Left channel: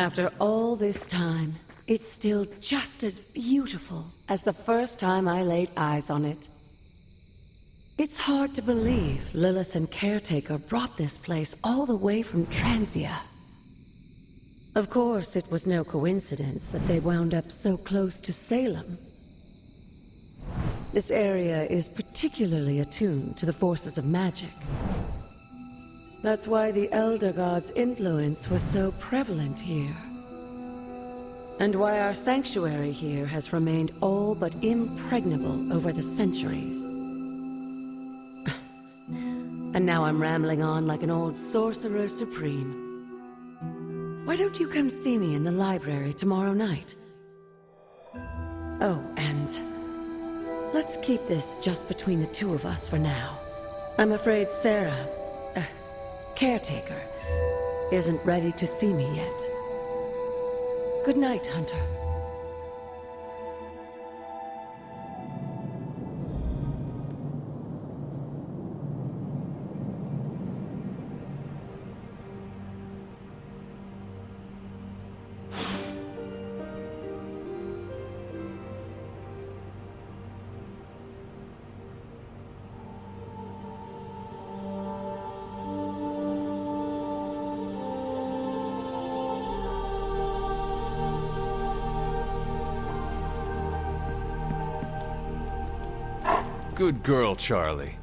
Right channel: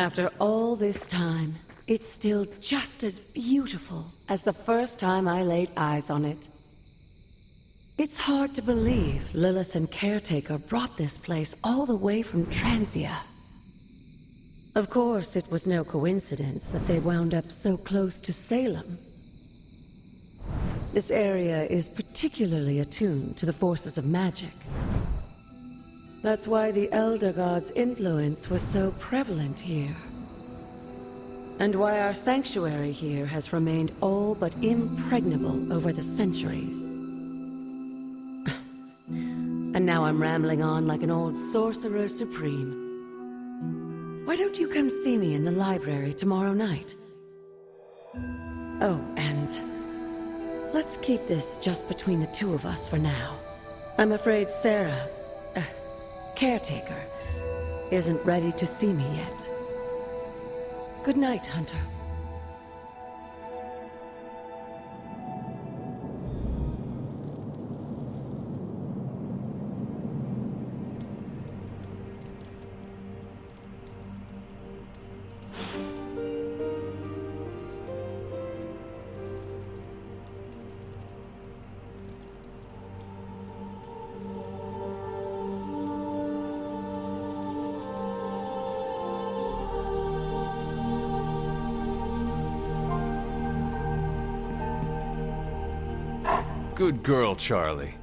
After all this time, it's still just as beautiful as the first time I laid eyes on it. It's hard to believe Lilith and Caretaker brought this place all the way from Transia. Of course, it was no coincidence that they wound up so close to Salem. This area is particularly attuned to the forces of magic. That's why the Elder God's influence was so prevalent here. And why our sanctuary here has remained all but impregnable over the centuries. And now I'm rambling on like an old sorcerer supreme. Why don't you come see me in the library tomorrow night? Oh, and let's keep this just between the two of us for now. I'm afraid Sarah, Caretaker, isn't ready to see me yet. Good night, Hunter. Good girl, Charlie.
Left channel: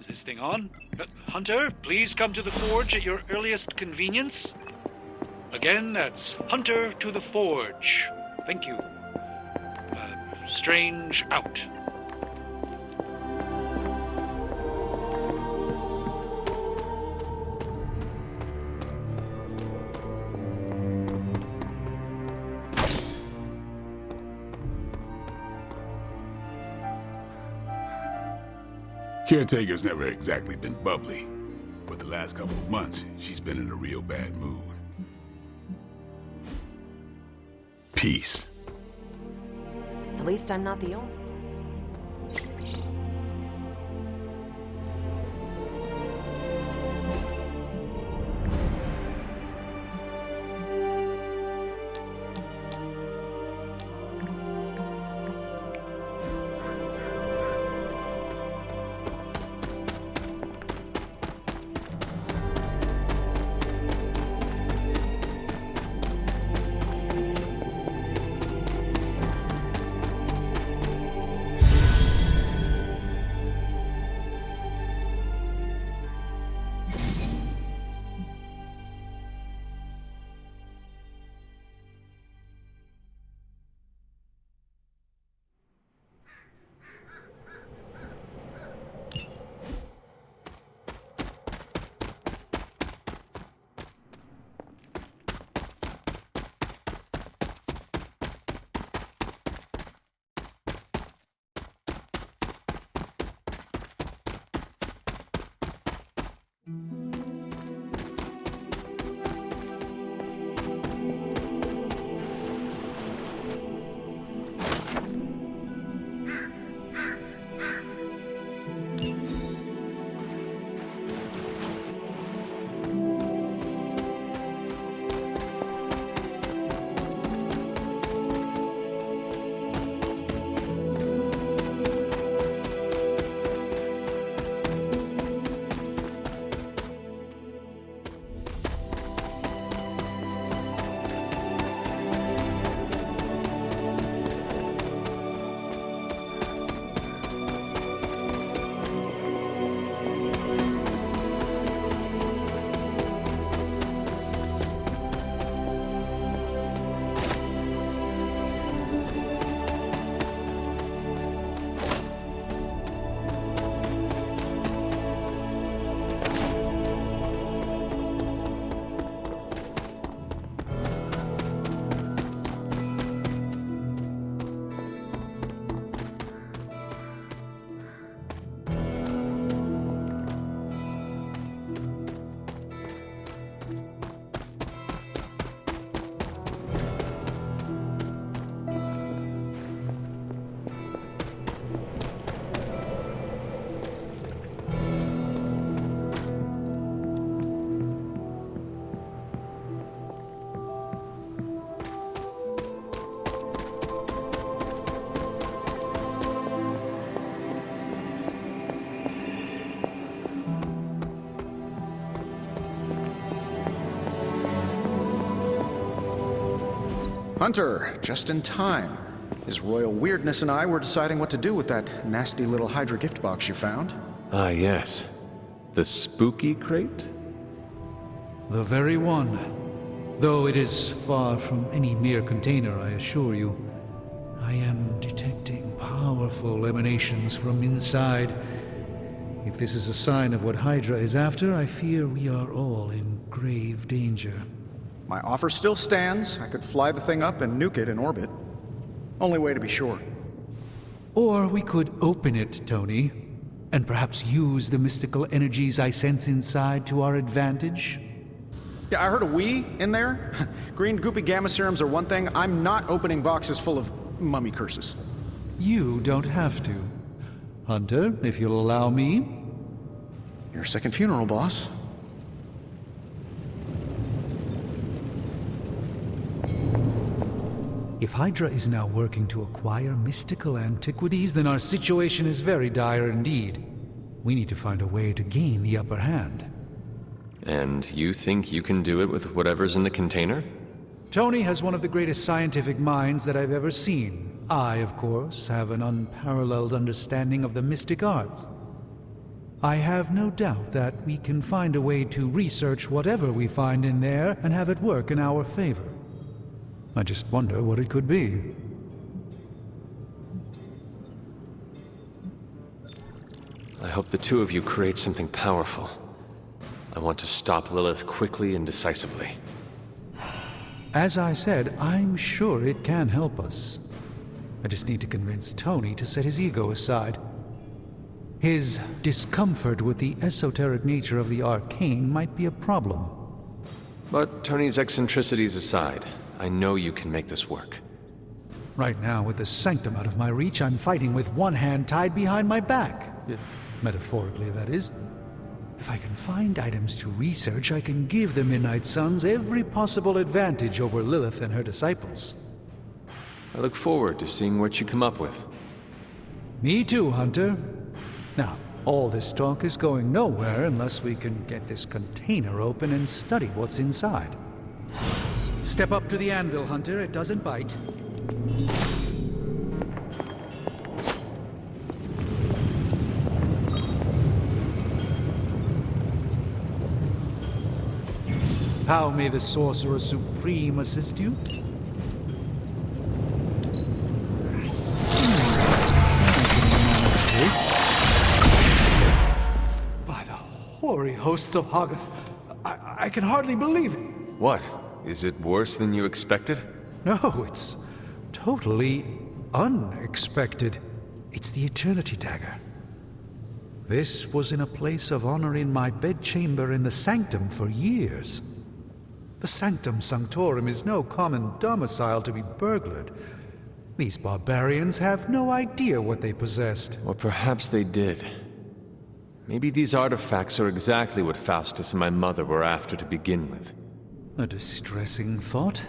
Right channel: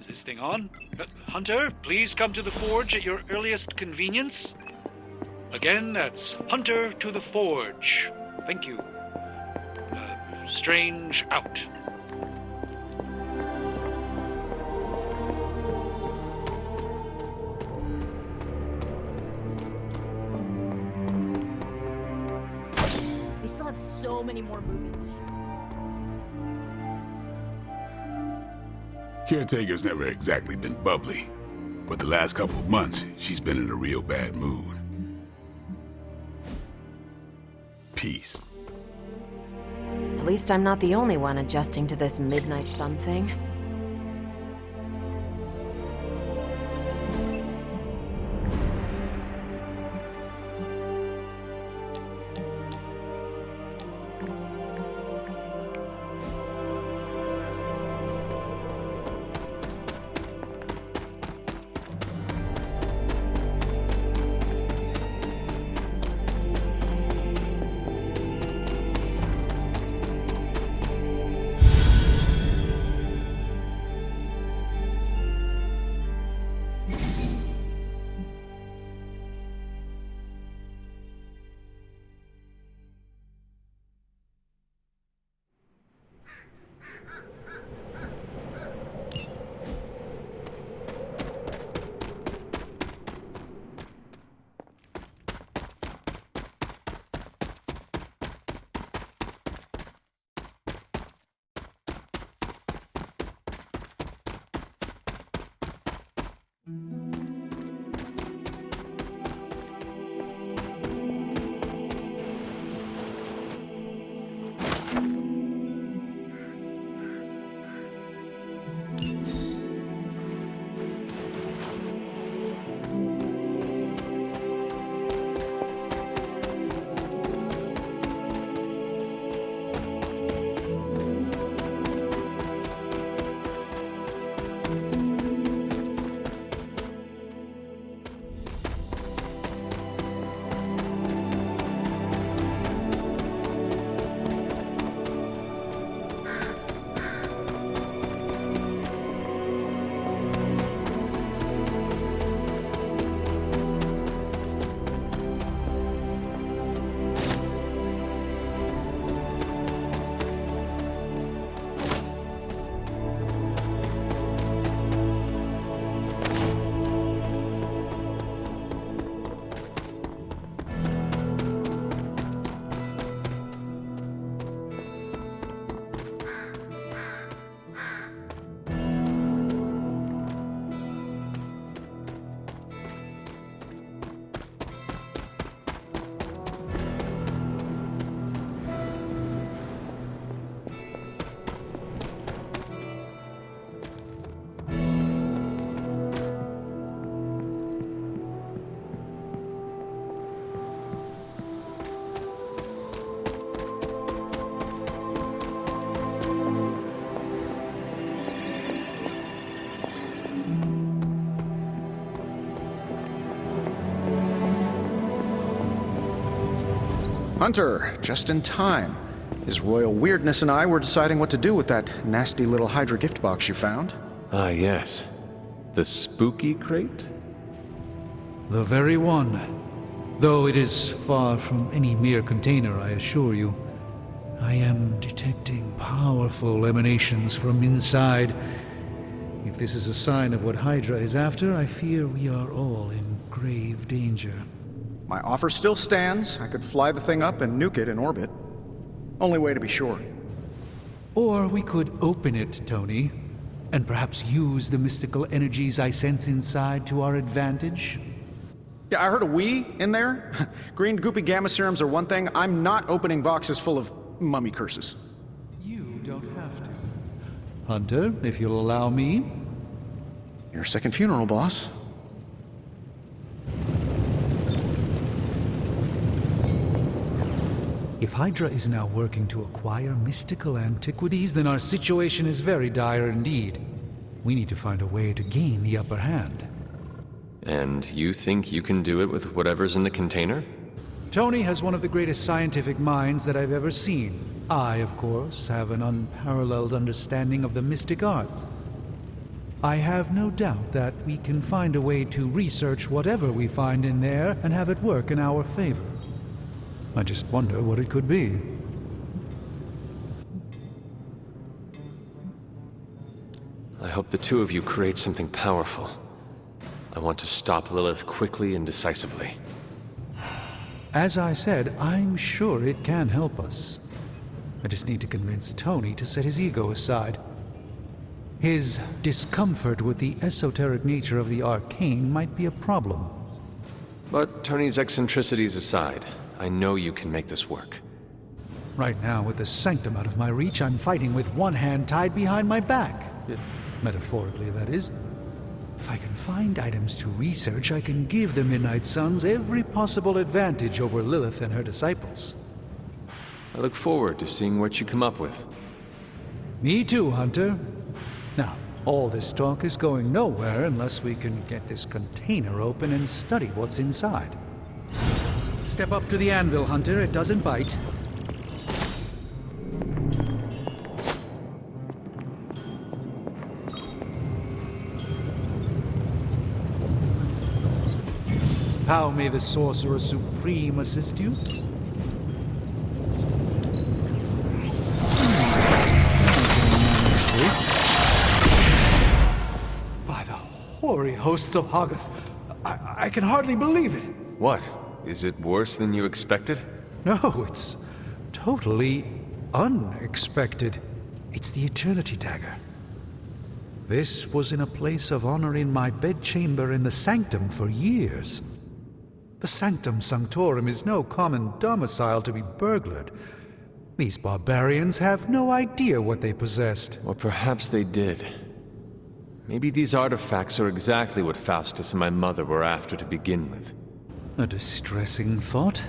Is this thing on? Hunter, please come to the forge at your earliest convenience. Again, that's Hunter to the forge. Thank you. Strange out. We still have so many more movies. Caretaker's never exactly been bubbly, but the last couple of months, she's been in a real bad mood. Peace. At least I'm not the only one adjusting to this midnight sun thing. Hunter, just in time. His royal weirdness and I were deciding what to do with that nasty little Hydra gift box you found. Ah, yes. The spooky crate? The very one. Though it is far from any mere container, I assure you. I am detecting powerful emanations from inside. If this is a sign of what Hydra is after, I fear we are all in grave danger. My offer still stands. I could fly the thing up and nuke it in orbit. Only way to be sure. Or we could open it, Tony, and perhaps use the mystical energies I sense inside to our advantage. Yeah, I heard a we in there. Green goopy gamma serums are one thing. I'm not opening boxes full of mummy curses. You don't have to. Hunter, if you'll allow me. Your second funeral, boss. If Hydra is now working to acquire mystical antiquities, then our situation is very dire indeed. We need to find a way to gain the upper hand. And you think you can do it with whatever's in the container? Tony has one of the greatest scientific minds that I've ever seen. I, of course, have an unparalleled understanding of the mystic arts. I have no doubt that we can find a way to research whatever we find in there and have it work in our favor. I just wonder what it could be. I hope the two of you create something powerful. I want to stop Lilith quickly and decisively. As I said, I'm sure it can help us. I just need to convince Tony to set his ego aside. His discomfort with the esoteric nature of the arcane might be a problem. But Tony's eccentricities aside, I know you can make this work. Right now, with the sanctum out of my reach, I'm fighting with one hand tied behind my back. Metaphorically, that is. If I can find items to research, I can give the Midnight Suns every possible advantage over Lilith and her disciples. I look forward to seeing what you come up with. Me too, Hunter. Now, all this talk is going nowhere unless we can get this container open and study what's inside. Step up to the anvil, Hunter. It doesn't bite. How may the Sorcerer Supreme assist you? By the hoary hosts of Hoggoth, I can hardly believe it. What? Is it worse than you expected? No, it's totally unexpected. It's the Eternity Dagger. This was in a place of honor in my bedchamber in the Sanctum for years. The Sanctum Sanctorum is no common domicile to be burglared. These barbarians have no idea what they possessed. Or perhaps they did. Maybe these artifacts are exactly what Faustus and my mother were after to begin with. A distressing thought.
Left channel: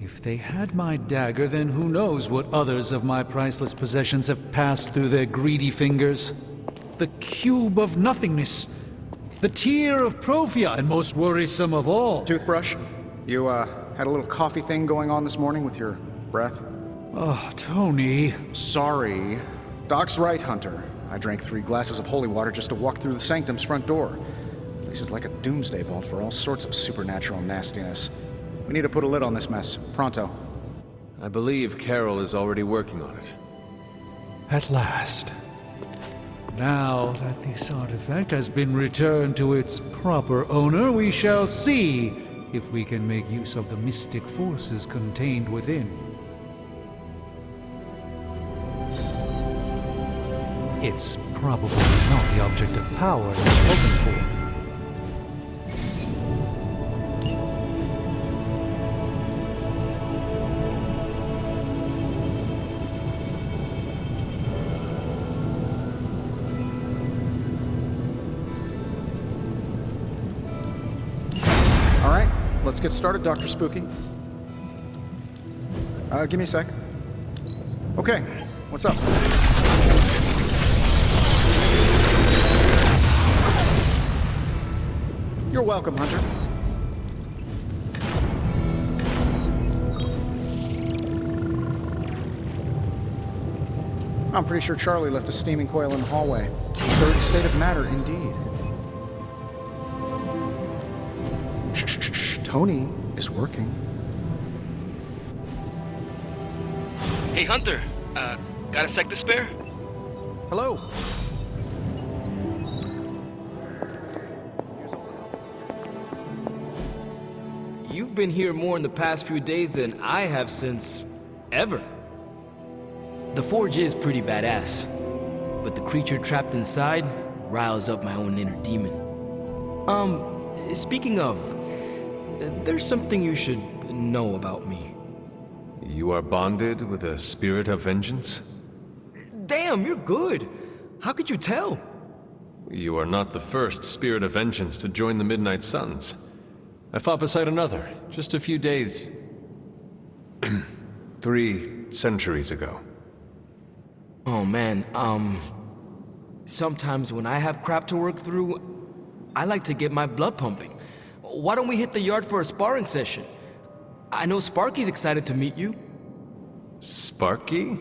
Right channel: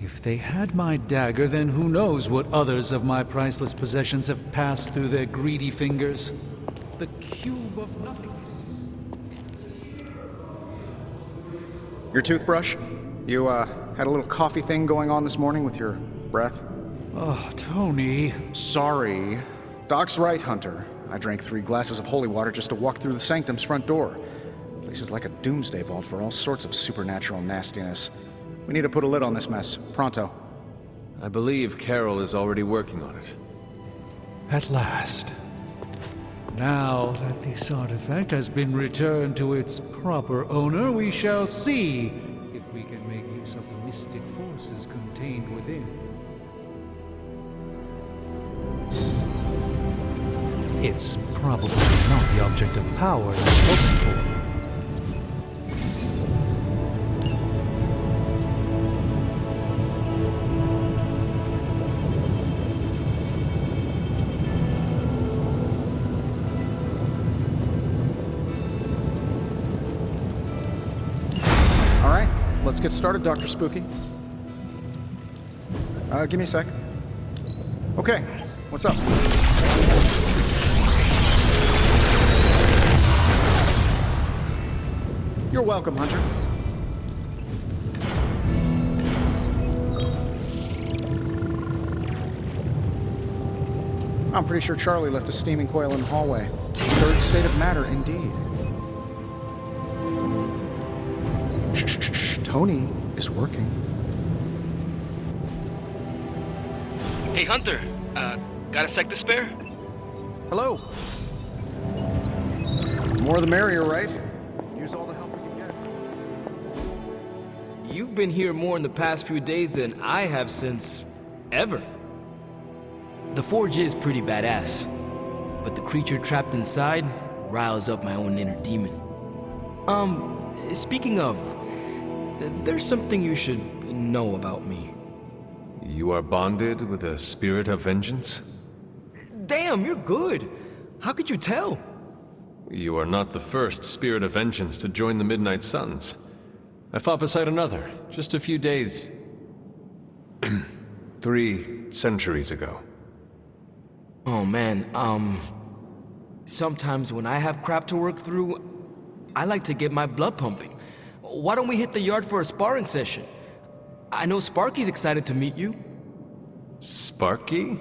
If they had my dagger, then who knows what others of my priceless possessions have passed through their greedy fingers. The Cube of Nothingness. The Tear of Profia, and most worrisome of all. Your toothbrush? You, had a little coffee thing going on this morning with your breath? Oh, Tony. Sorry. Doc's right, Hunter. I drank 3 glasses of holy water just to walk through the Sanctum's front door. Place is like a doomsday vault for all sorts of supernatural nastiness. We need to put a lid on this mess. Pronto. I believe Carol is already working on it. At last. Now that this artifact has been returned to its proper owner, we shall see if we can make use of the mystic forces contained within. It's probably not the object of power you're hoping for. Let's get started, Dr. Spooky. Give me a sec. Okay, what's up? You're welcome, Hunter. I'm pretty sure Charlie left a steaming coil in the hallway. Third state of matter, indeed. Shh. Tony is working. Hey, Hunter. Got a sec to spare? Hello. More the merrier, right? Use all the help we can get. You've been here more in the past few days than I have since... ever. The forge is pretty badass, but the creature trapped inside riles up my own inner demon. Speaking of, there's something you should know about me. You are bonded with a spirit of vengeance? Damn, you're good. How could you tell? You are not the first spirit of vengeance to join the Midnight Suns. I fought beside another, just a few days... 3 centuries ago. Oh man, sometimes when I have crap to work through, I like to get my blood pumping. Why don't we hit the yard for a sparring session? I know Sparky's excited to meet you. Sparky?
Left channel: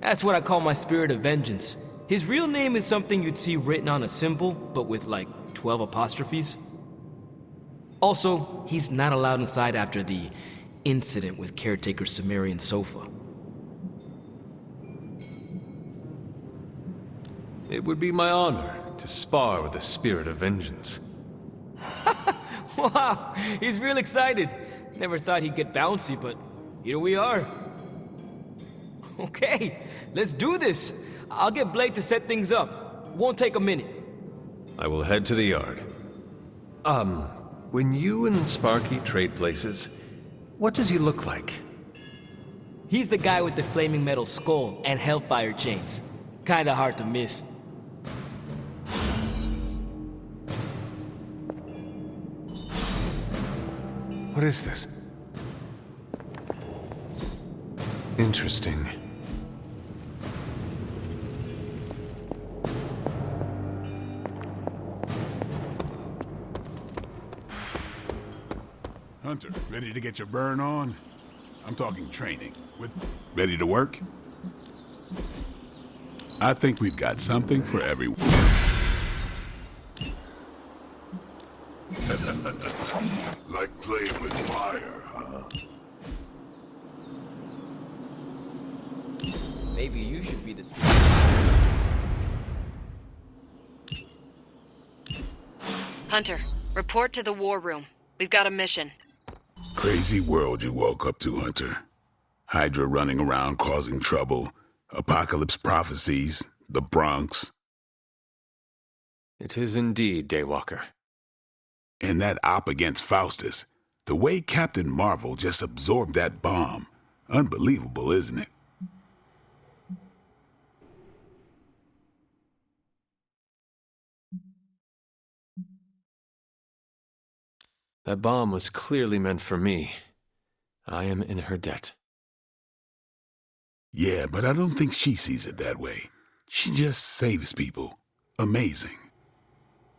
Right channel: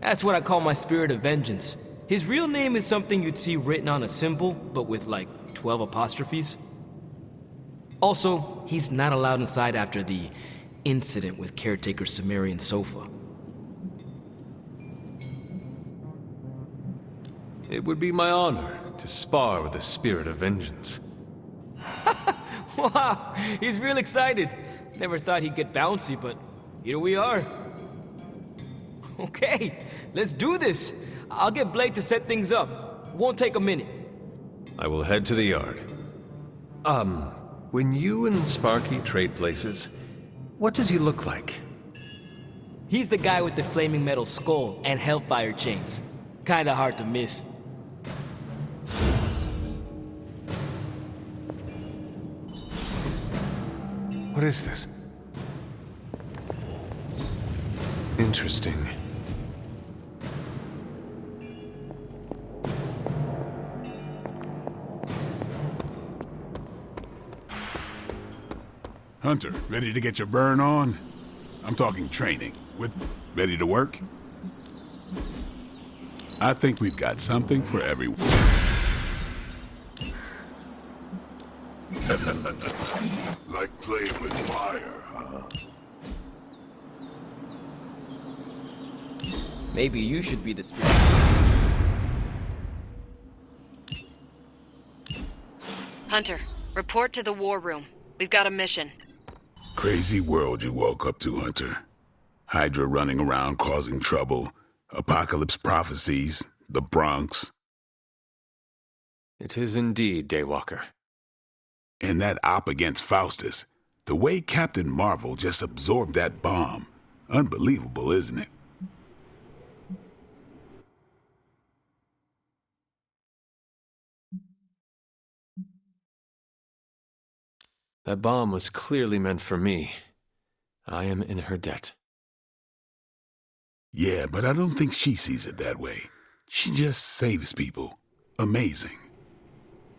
That's what I call my spirit of vengeance. His real name is something you'd see written on a symbol, but with like 12 apostrophes. Also, he's not allowed inside after the incident with caretaker Sumerian sofa. It would be my honor to spar with the spirit of vengeance. Wow, he's real excited. Never thought he'd get bouncy, but here we are. Okay, let's do this. I'll get Blake to set things up. Won't take a minute. I will head to the yard. When you and Sparky trade places, what does he look like? He's the guy with the flaming metal skull and hellfire chains. Kinda hard to miss. What is this? Interesting. Hunter, ready to get your burn on? I'm talking training. Ready to work? I think we've got something for everyone. Like playing with fire, huh? Maybe you should be the spirit. Hunter, report to the war room. We've got a mission. Crazy world you woke up to, Hunter. Hydra running around causing trouble, apocalypse prophecies, the Bronx. It is indeed, Daywalker. And that op against Faustus. The way Captain Marvel just absorbed that bomb. Unbelievable, isn't it? That bomb was clearly meant for me. I am in her debt. Yeah, but I don't think she sees it that way. She just saves people. Amazing.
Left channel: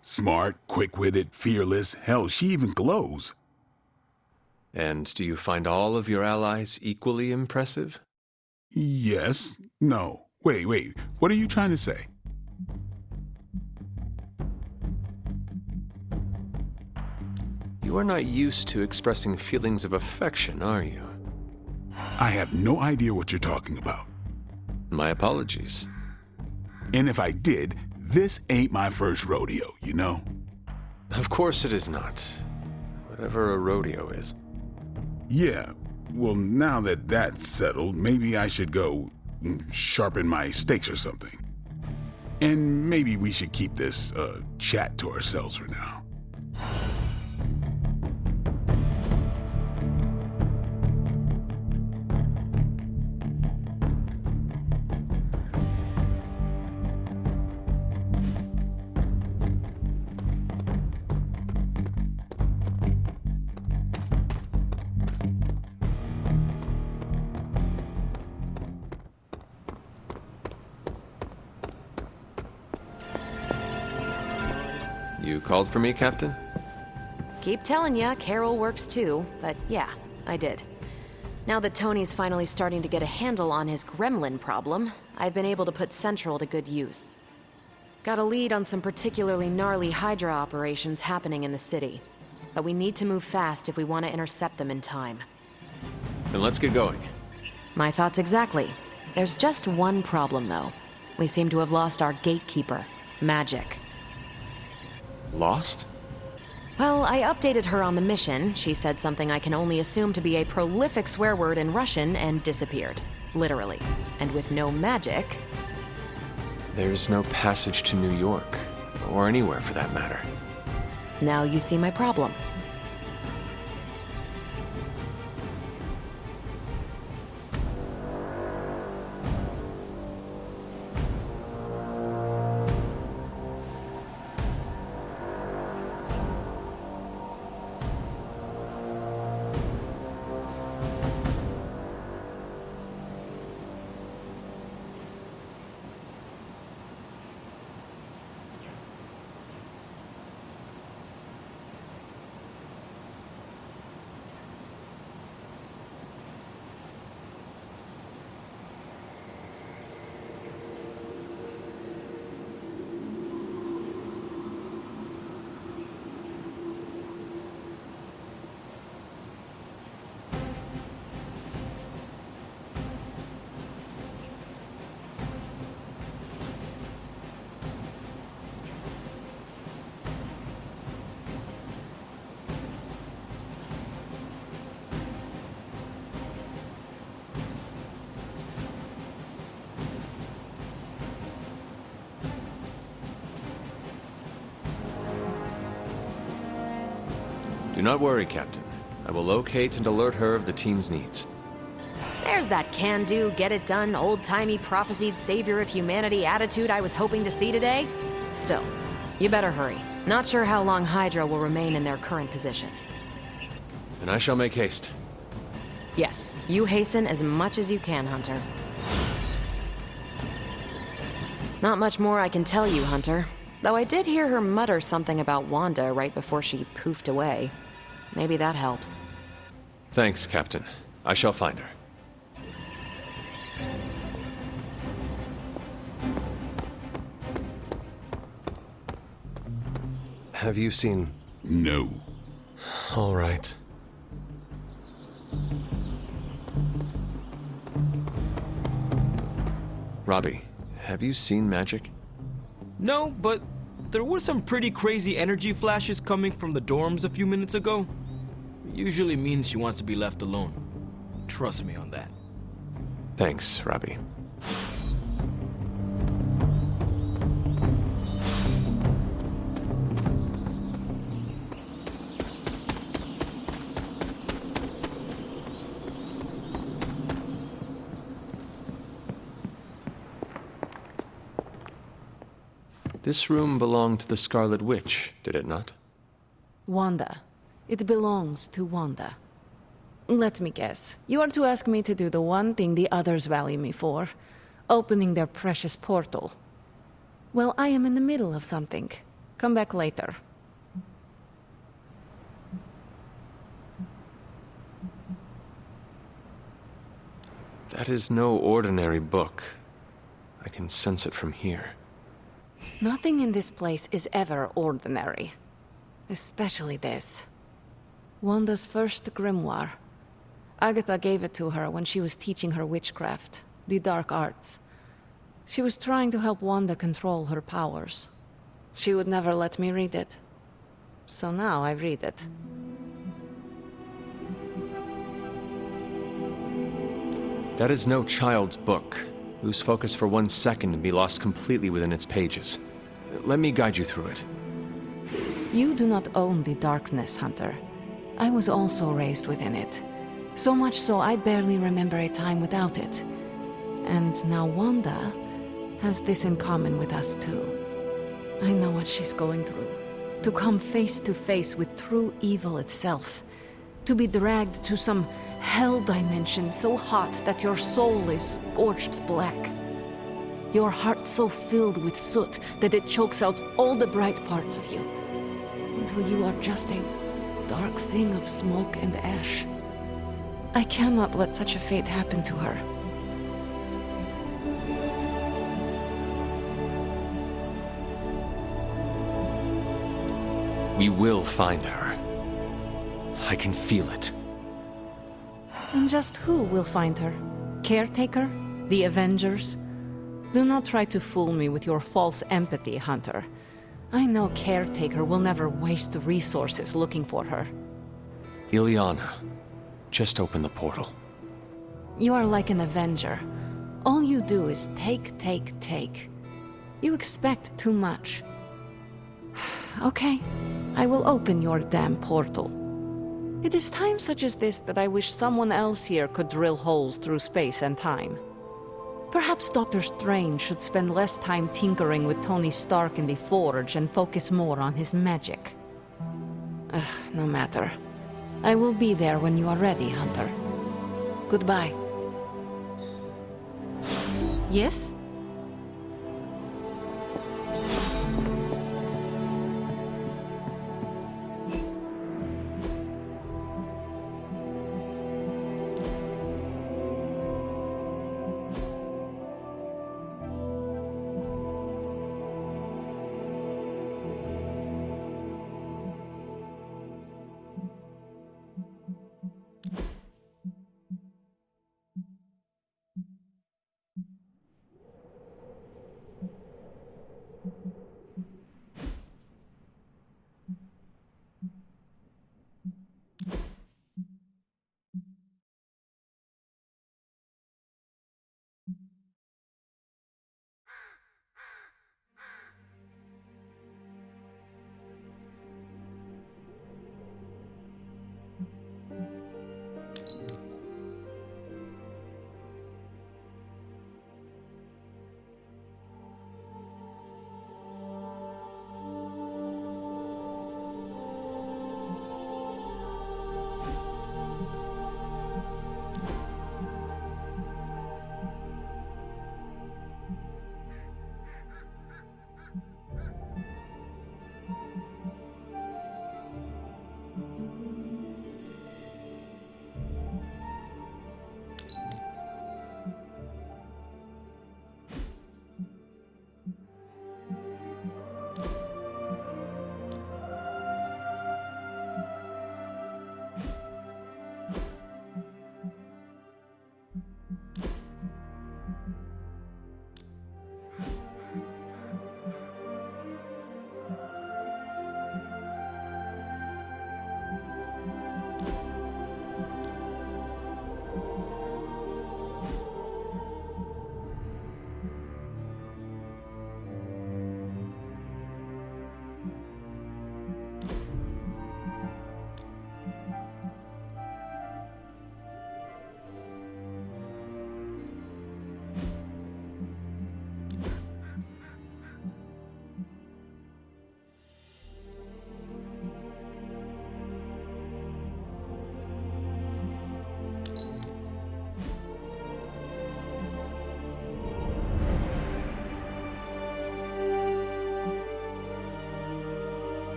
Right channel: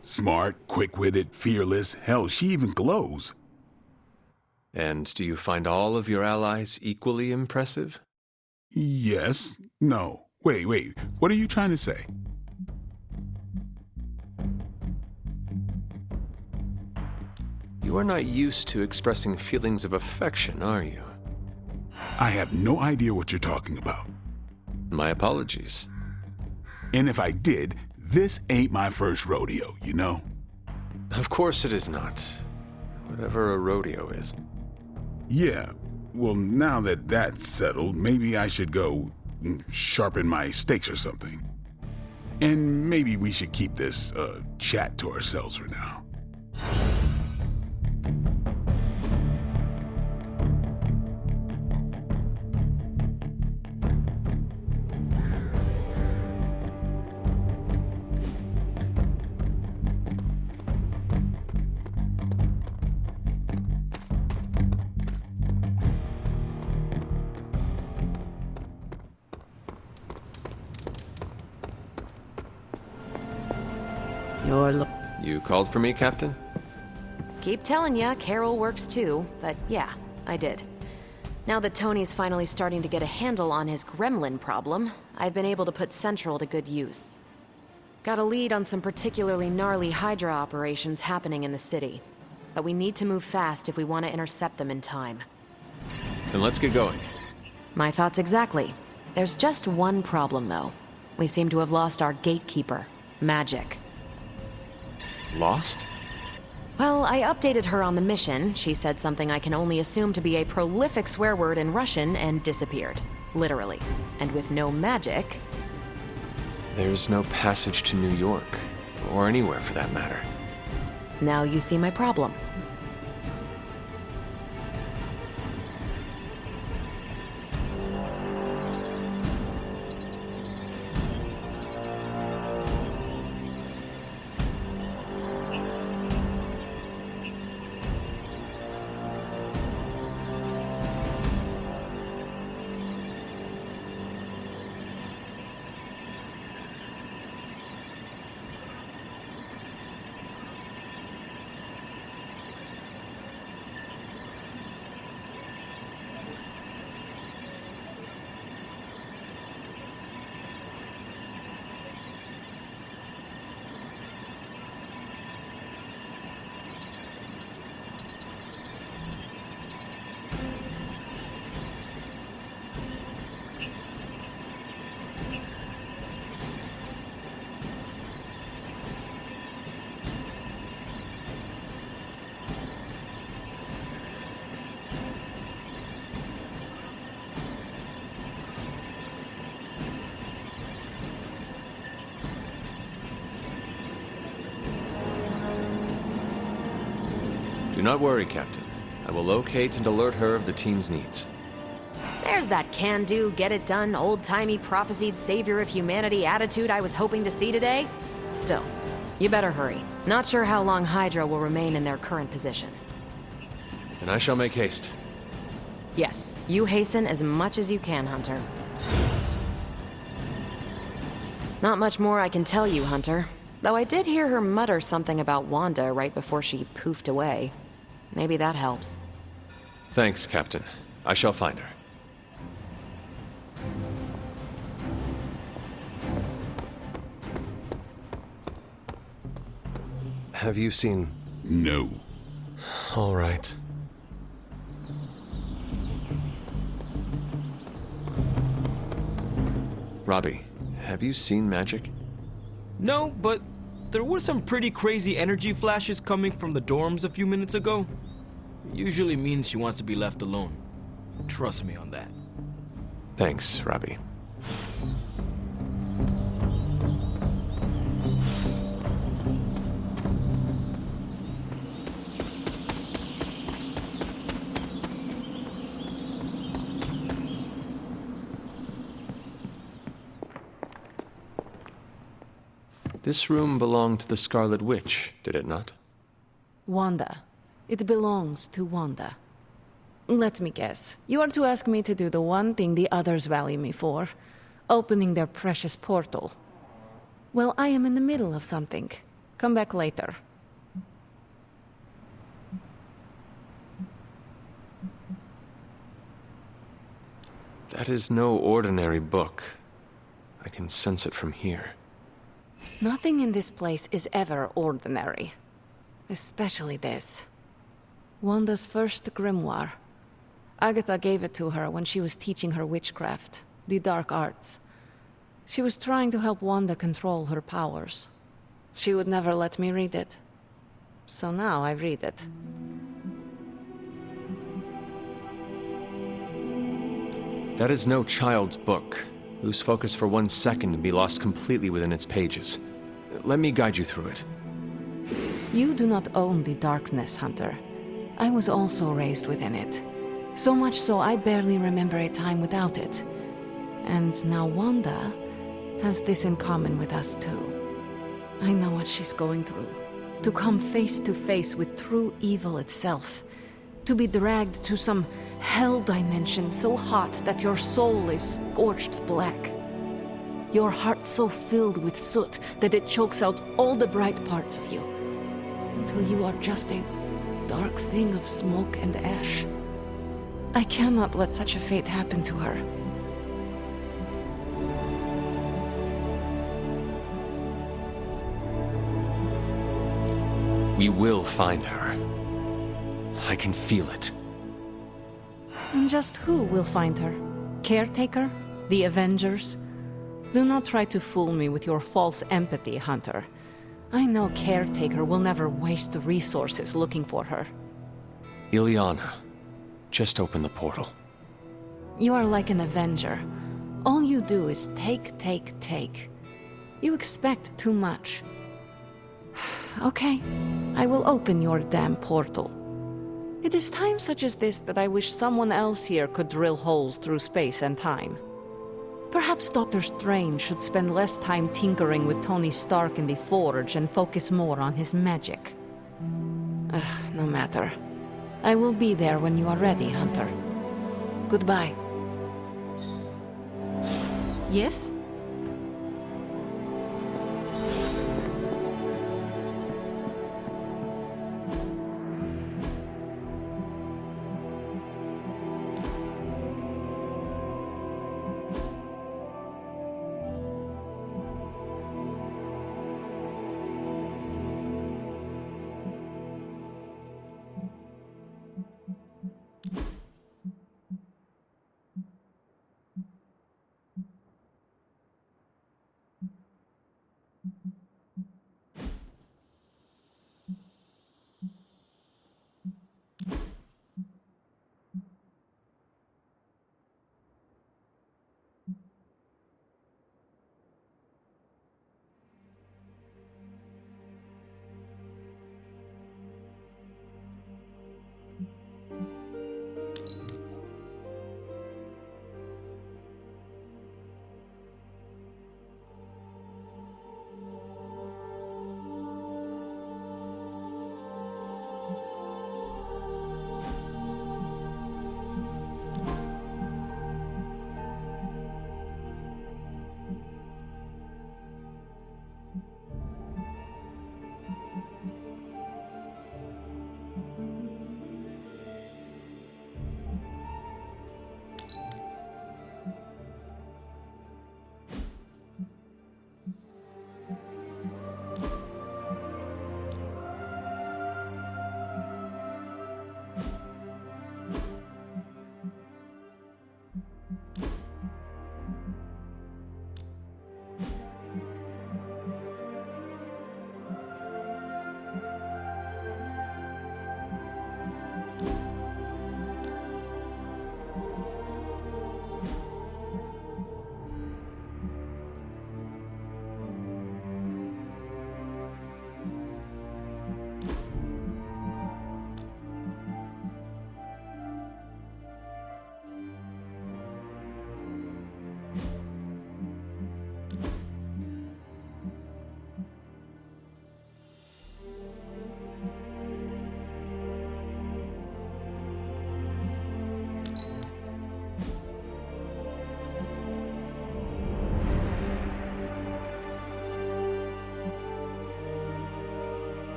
Smart, quick-witted, fearless. Hell, she even glows. And do you find all of your allies equally impressive? Yes. No. Wait. What are you trying to say? You are not used to expressing feelings of affection, are you? I have no idea what you're talking about. My apologies. And if I did, this ain't my first rodeo, you know? Of course it is not. Whatever a rodeo is. Yeah. Well, now that that's settled, maybe I should go sharpen my stakes or something. And maybe we should keep this chat to ourselves for now. You called for me, Captain? Keep telling ya, Carol works too, but yeah, I did. Now that Tony's finally starting to get a handle on his gremlin problem, I've been able to put Central to good use. Got a lead on some particularly gnarly Hydra operations happening in the city. But we need to move fast if we want to intercept them in time. Then let's get going. My thoughts exactly. There's just one problem, though. We seem to have lost our gatekeeper, Magic. Lost? Well, I updated her on the mission. She said something I can only assume to be a prolific swear word in Russian and disappeared. Literally. And with no magic... There's no passage to New York, or anywhere for that matter. Now you see my problem. Do not worry, Captain. I will locate and alert her of the team's needs. There's that can-do, get-it-done, old-timey prophesied savior of humanity attitude I was hoping to see today. Still, you better hurry. Not sure how long Hydra will remain in their current position. And I shall make haste. Yes, you hasten as much as you can, Hunter. Not much more I can tell you, Hunter. Though I did hear her mutter something about Wanda right before she poofed away. Maybe that helps. Thanks, Captain. I shall find her. Have you seen... No. All right. Robbie, have you seen Magic? No, but there were some pretty crazy energy flashes coming from the dorms a few minutes ago. Usually means she wants to be left alone. Trust me on that. Thanks, Robbie. This room belonged to the Scarlet Witch, did it not? Wanda. It belongs to Wanda. Let me guess. You are to ask me to do the one thing the others value me for. Opening their precious portal. Well, I am in the middle of something. Come back later. That is no ordinary book. I can sense it from here. Nothing in this place is ever ordinary. Especially this. Wanda's first grimoire. Agatha gave it to her when she was teaching her witchcraft, the dark arts. She was trying to help Wanda control her powers. She would never let me read it. So now I read it. That is no child's book. Lose focus for 1 second and be lost completely within its pages. Let me guide you through it. You do not own the darkness, Hunter. I was also raised within it. So much so I barely remember a time without it. And now Wanda has this in common with us too. I know what she's going through. To come face to face with true evil itself. To be dragged to some hell dimension so hot that your soul is scorched black. Your heart so filled with soot that it chokes out all the bright parts of you. Until you are just a dark thing of smoke and ash. I cannot let such a fate happen to her. We will find her. I can feel it. And just who will find her? Caretaker? The Avengers? Do not try to fool me with your false empathy, Hunter. I know Caretaker will never waste the resources looking for her. Ileana, just open the portal. You are like an Avenger. All you do is take, take, take. You expect too much. Okay, I will open your damn portal. It is times such as this that I wish someone else here could drill holes through space and time. Perhaps Doctor Strange should spend less time tinkering with Tony Stark in the Forge and focus more on his magic. No matter. I will be there when you are ready, Hunter. Goodbye. Yes?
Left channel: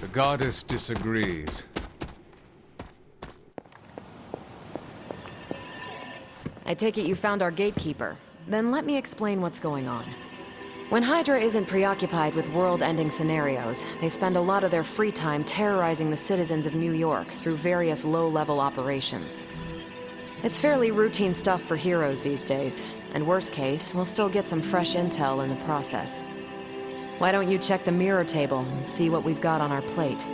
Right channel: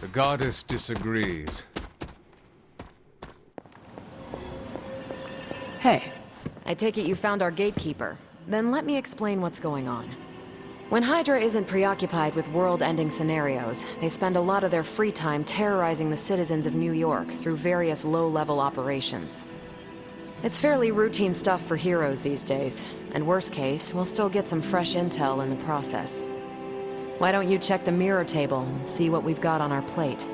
The goddess disagrees. Hey. I take it you found our gatekeeper. Then let me explain what's going on. When Hydra isn't preoccupied with world-ending scenarios, they spend a lot of their free time terrorizing the citizens of New York through various low-level operations. It's fairly routine stuff for heroes these days, and worst case, we'll still get some fresh intel in the process. Why don't you check the mirror table and see what we've got on our plate?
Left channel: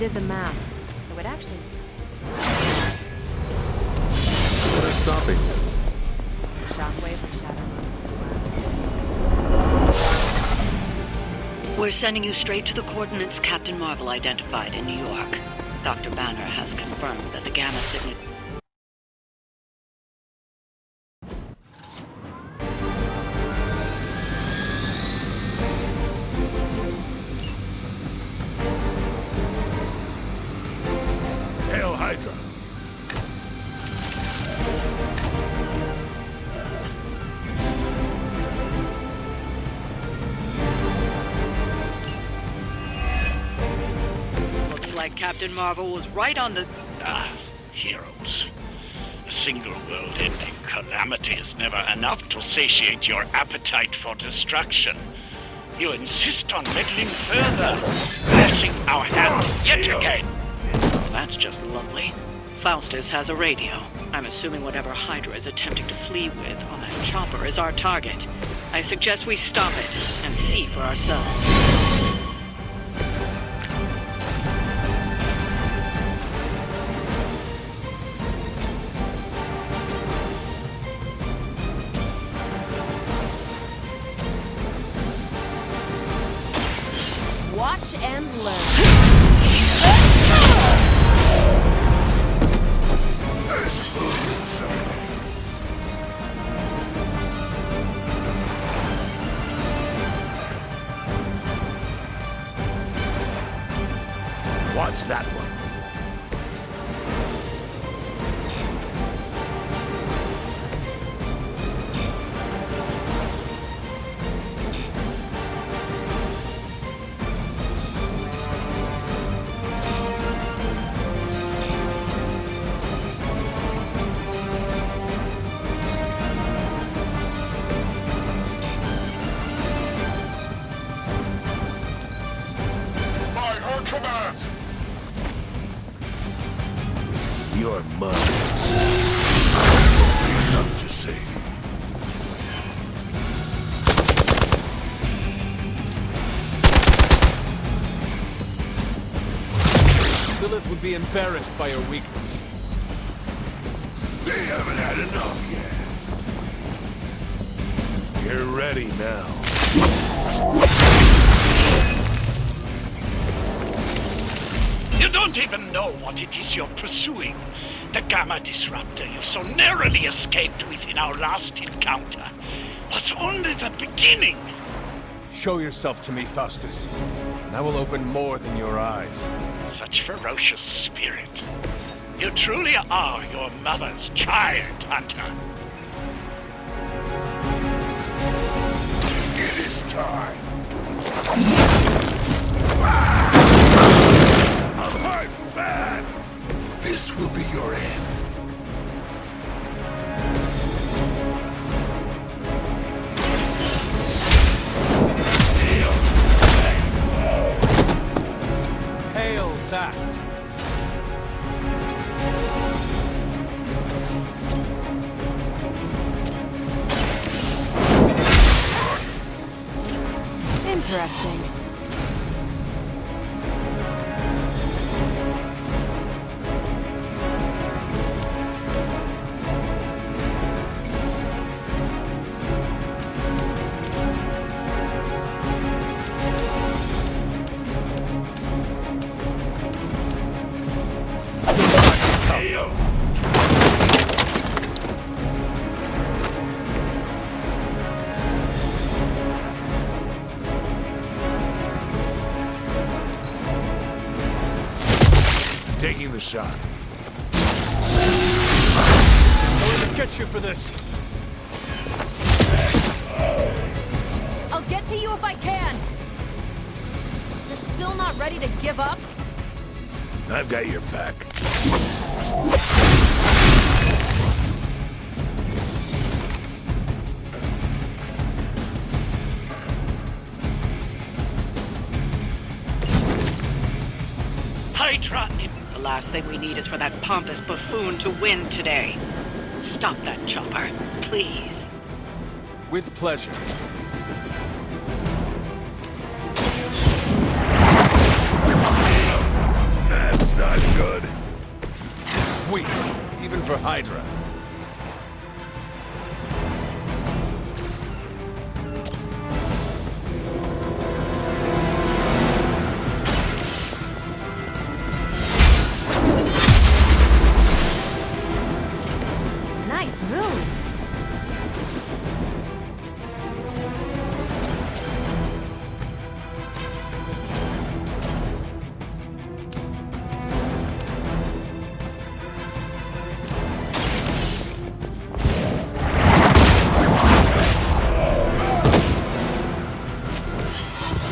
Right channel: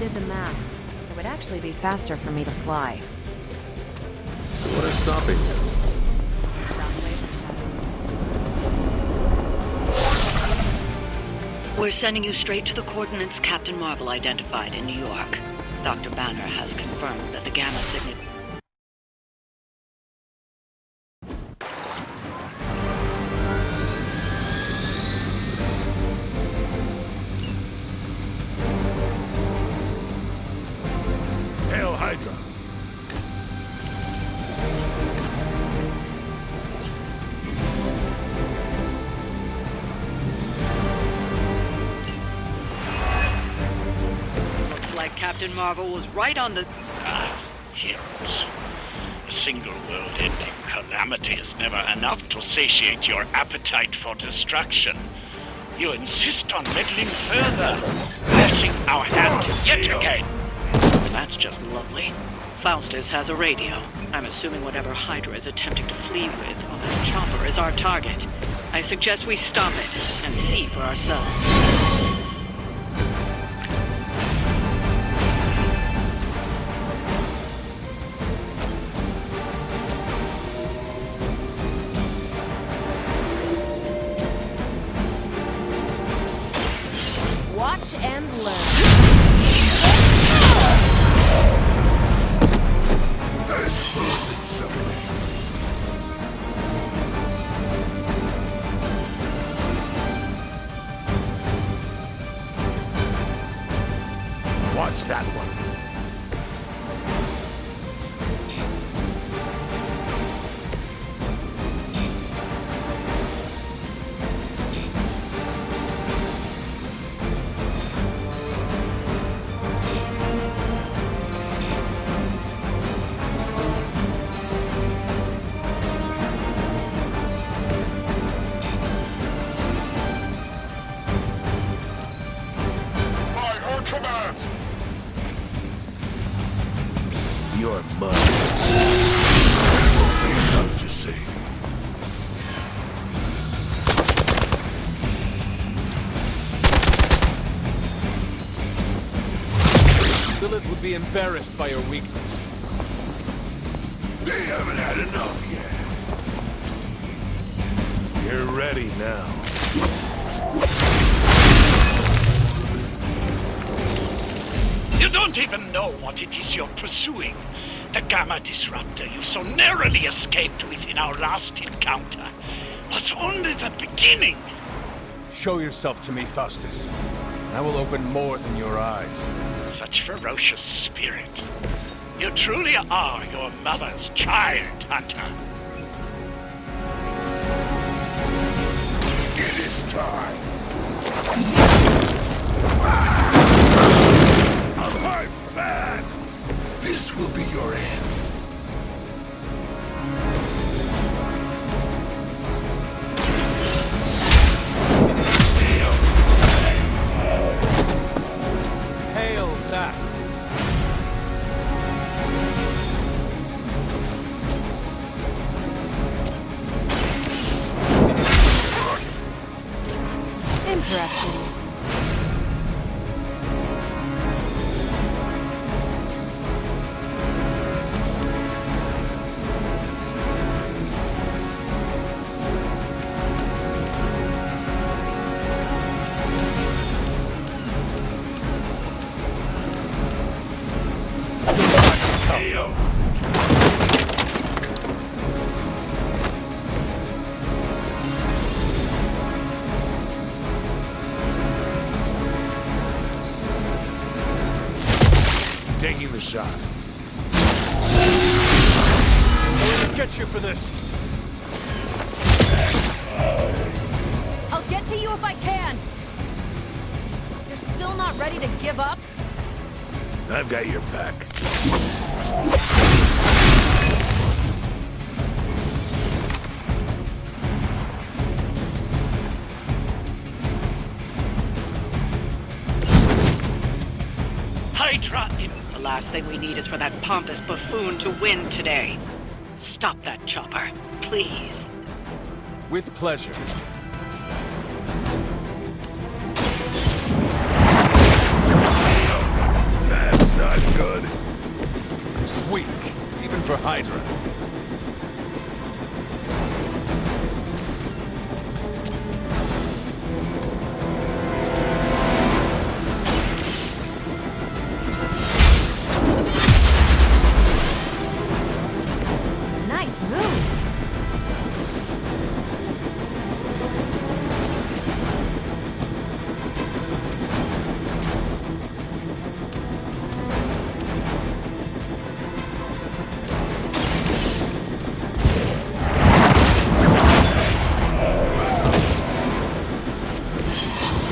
did the math. It would actually be faster for me to fly. What is stopping you? Shockwave and shadow. We're sending you straight to the coordinates Captain Marvel identified in New York. Dr. Banner has confirmed that the gamma signature... Hail Hydra! Looks like Captain Marvel was right on the... Heroes. A single world-ending calamity is never enough to satiate your appetite for destruction. You insist on meddling further, forcing our hand yet again. That's just lovely. Faustus has a radio. I'm assuming whatever Hydra is attempting to flee with on that chopper is our target. I suggest we stop it and see for ourselves. Watch and learn. I suppose it's something. Watch that one. Command! Your mother. That won't be enough to save you. Lilith would be embarrassed by your weakness. They haven't had enough yet. You're ready now. You don't even know what it is you're pursuing. The Gamma Disruptor you so narrowly escaped with in our last encounter was only the beginning. Show yourself to me, Faustus, and I will open more than your eyes. Such ferocious spirit. You truly are your mother's child, Hunter. It is time. I'm bad. This will be your end. Hail that! Interesting. Taking the shot. I'm gonna get you for this. I'll get to you if I can. You're still not ready to give up? I've got your back. Hydra in... The last thing we need is for that pompous buffoon to win today. Stop that chopper, please. With pleasure. weak, even for Hydra. Nice move!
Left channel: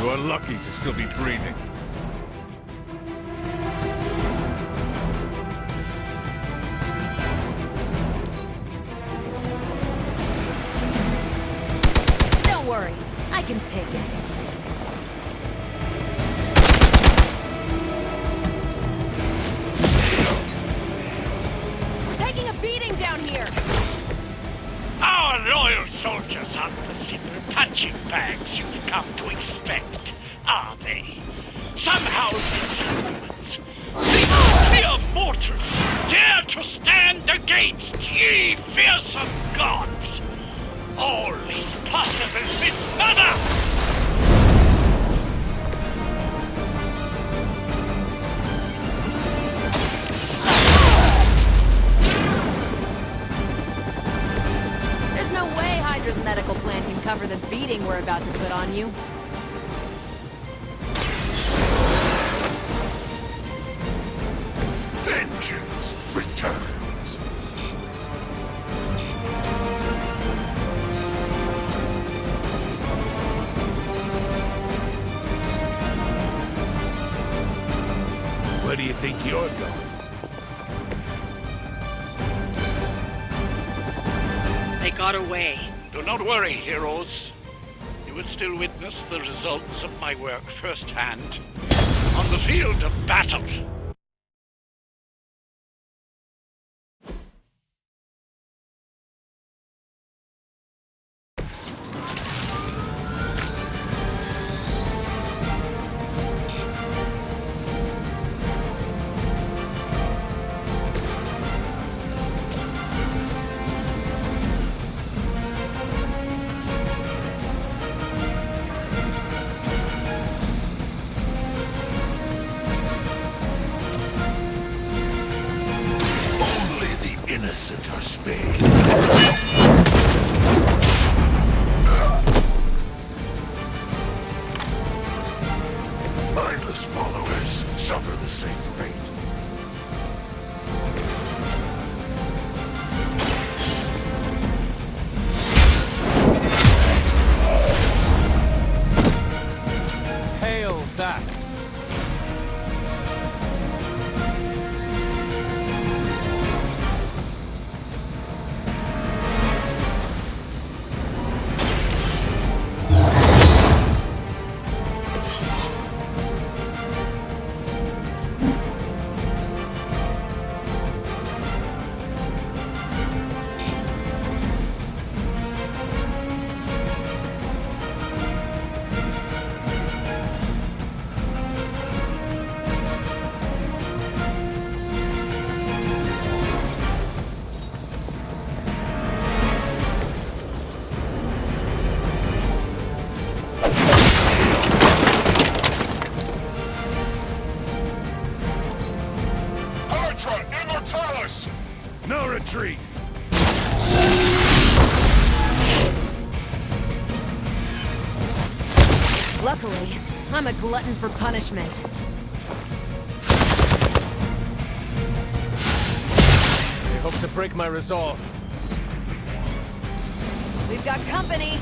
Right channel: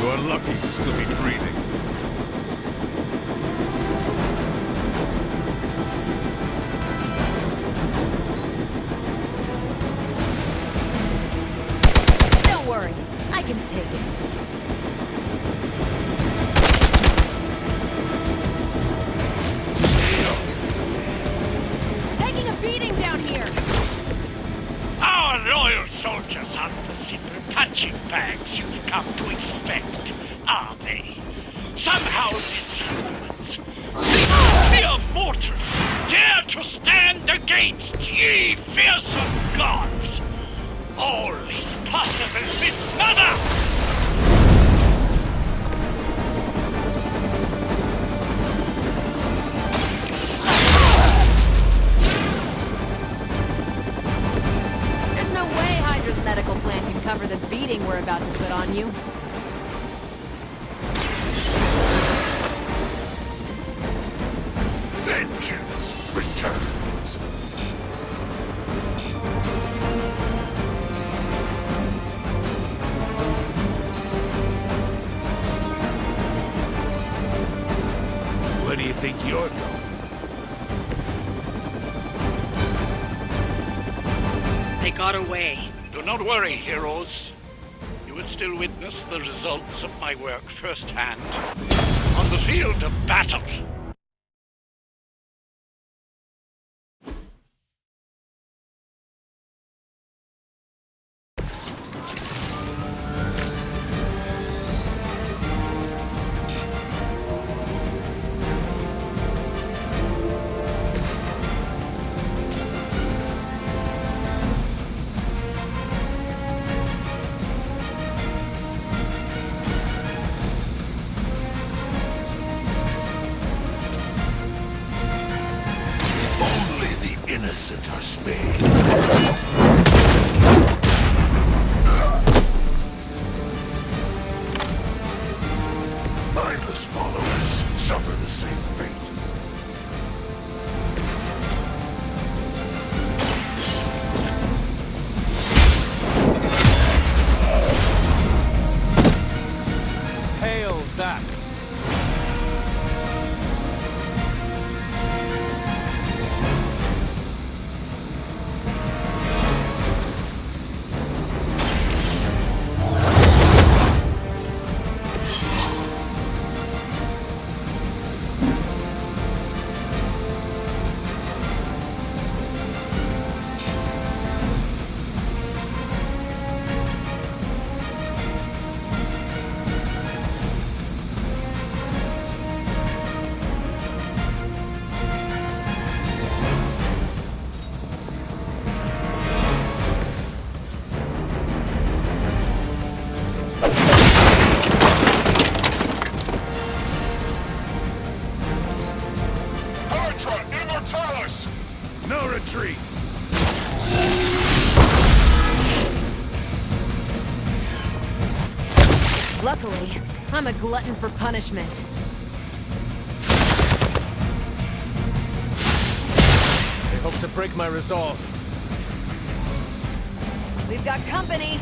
You are lucky to still be breathing. Don't worry, I can take it. We're taking a beating down here! Our loyal soldiers aren't the simple punching bags you've come to expect, are they? Somehow these humans, these mere mortals, dare to stand against ye fearsome gods! All is possible with Mother! There's no way Hydra's medical plan can cover the beating we're about to put on you. Vengeance returns. Where do you think you're going? They got away. Do not worry, heroes. You will still witness the results of my work firsthand on the field of battle. Only the innocent are spared. Mindless followers suffer the same fate. Hail that! No retreat! Luckily, I'm a glutton for punishment. They hope to break my resolve. We've got company!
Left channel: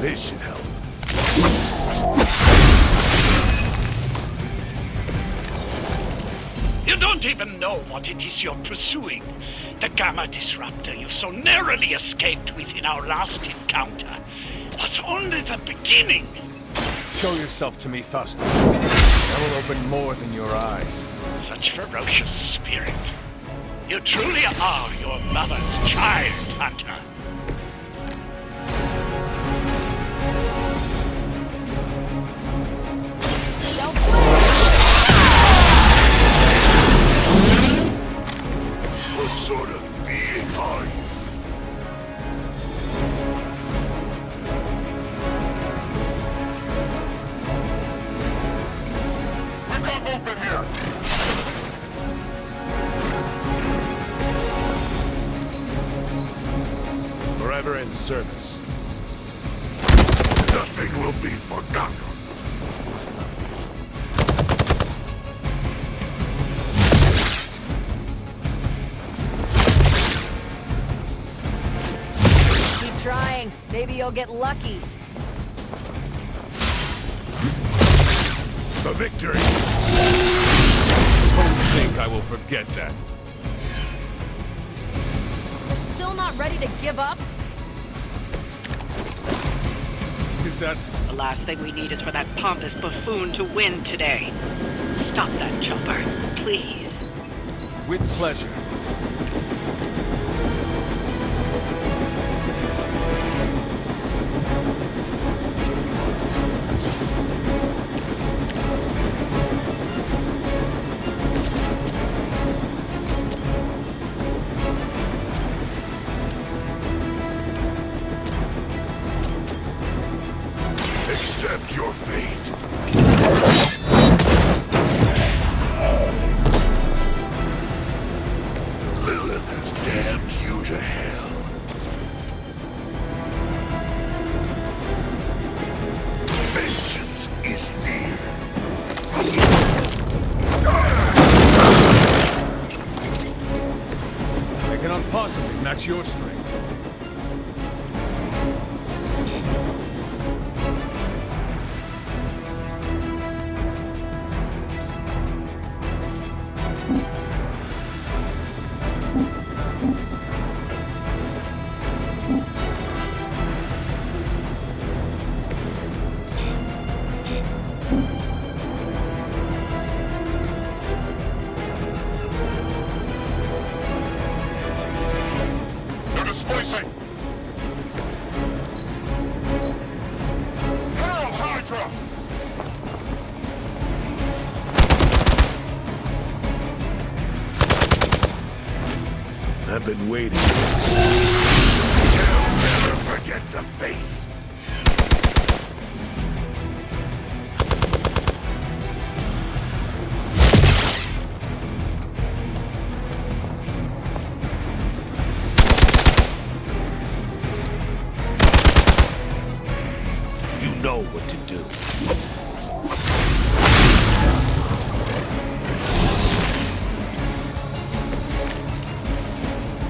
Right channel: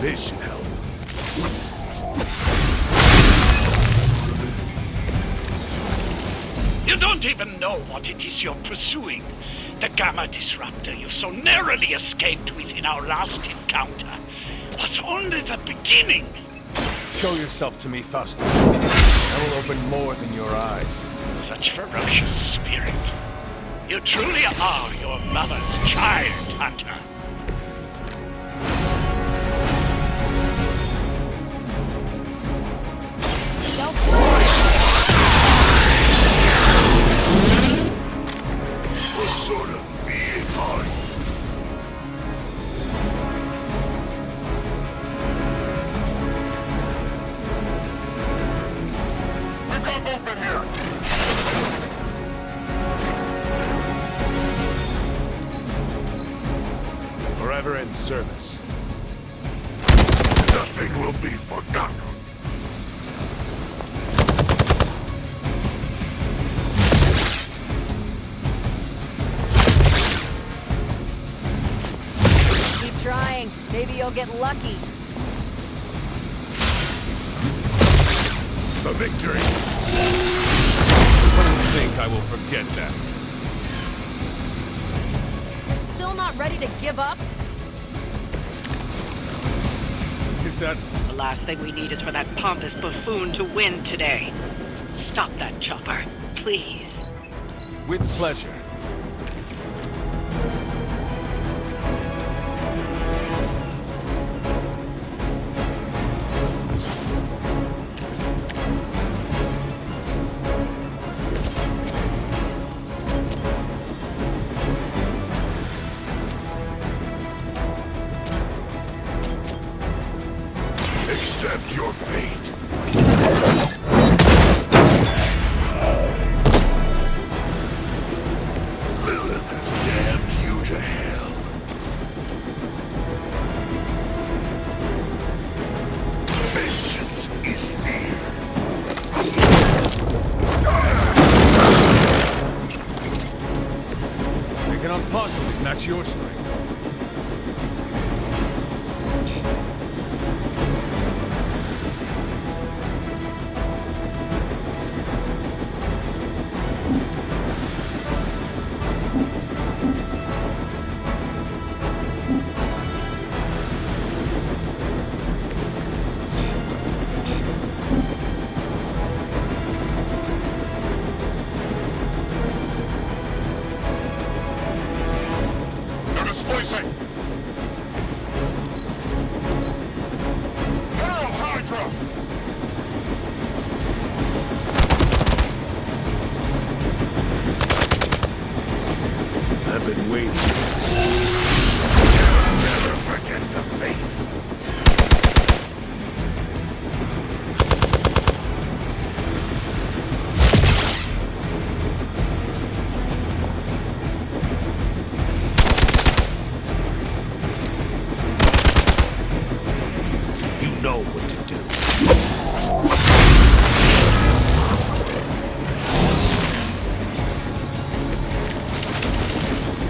This should help. You don't even know what it is you're pursuing. The Gamma Disruptor you so narrowly escaped with in our last encounter was only the beginning. Show yourself to me, Faustus. I will open more than your eyes. Such ferocious spirit. You truly are your mother's child, Hunter. sort of being are you? We got movement here! Forever in service. Nothing will be forgotten. Keep trying. Maybe you'll get lucky. The victory! Don't think I will forget that. You're still not ready to give up? Is that... The last thing we need is for that pompous buffoon to win today. Stop that chopper, please. with pleasure? Accept your fate. Lilith has damned you to hell. Vengeance is near. I cannot possibly match your strength. They're displacing. Hail Hydra! I've been waiting. Hell never forgets a face. You know what to do.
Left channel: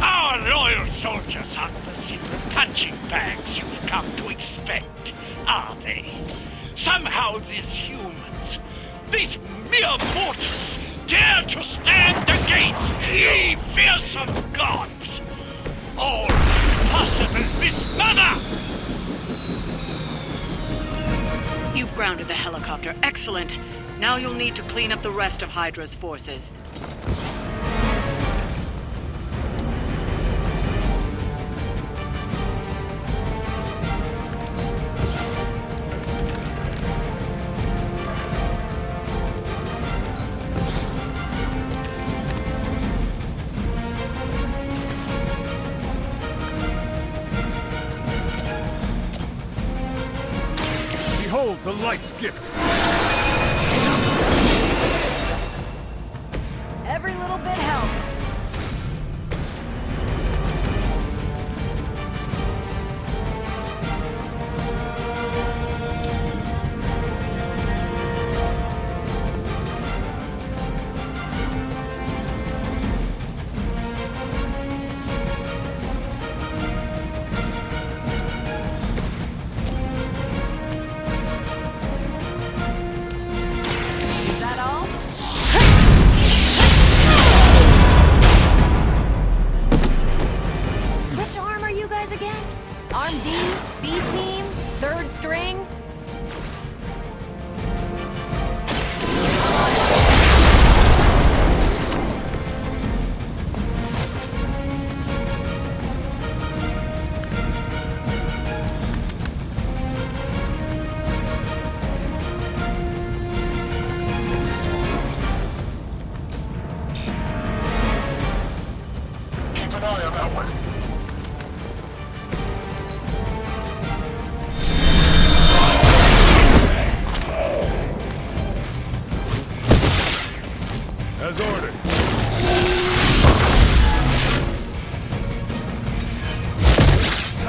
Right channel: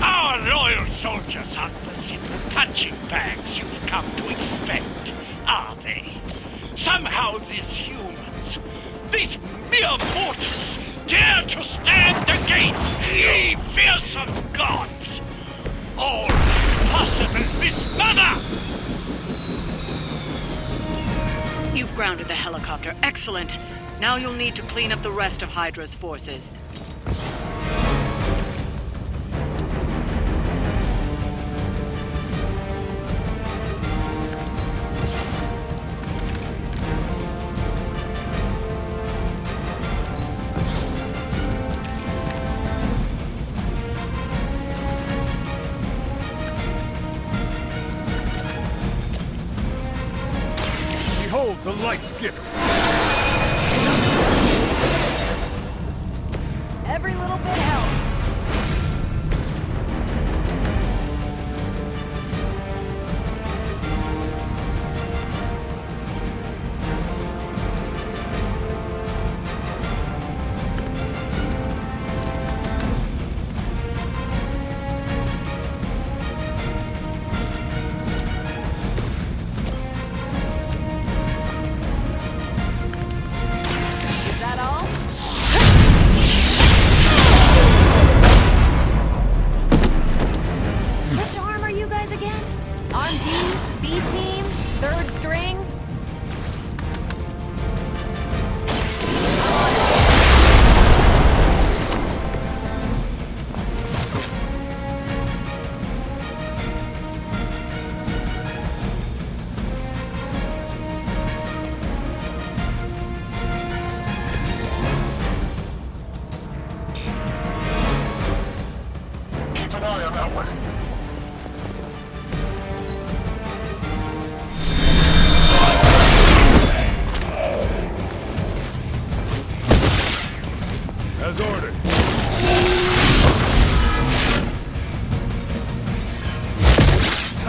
Our loyal soldiers aren't the simple punching bags you've come to expect, are they? Somehow these humans, these mere mortals, dare to stand against ye fearsome gods! All possible mismother! You've grounded the helicopter. Excellent. Now you'll need to clean up the rest of Hydra's forces. Behold the light's gift! Every little bit helps.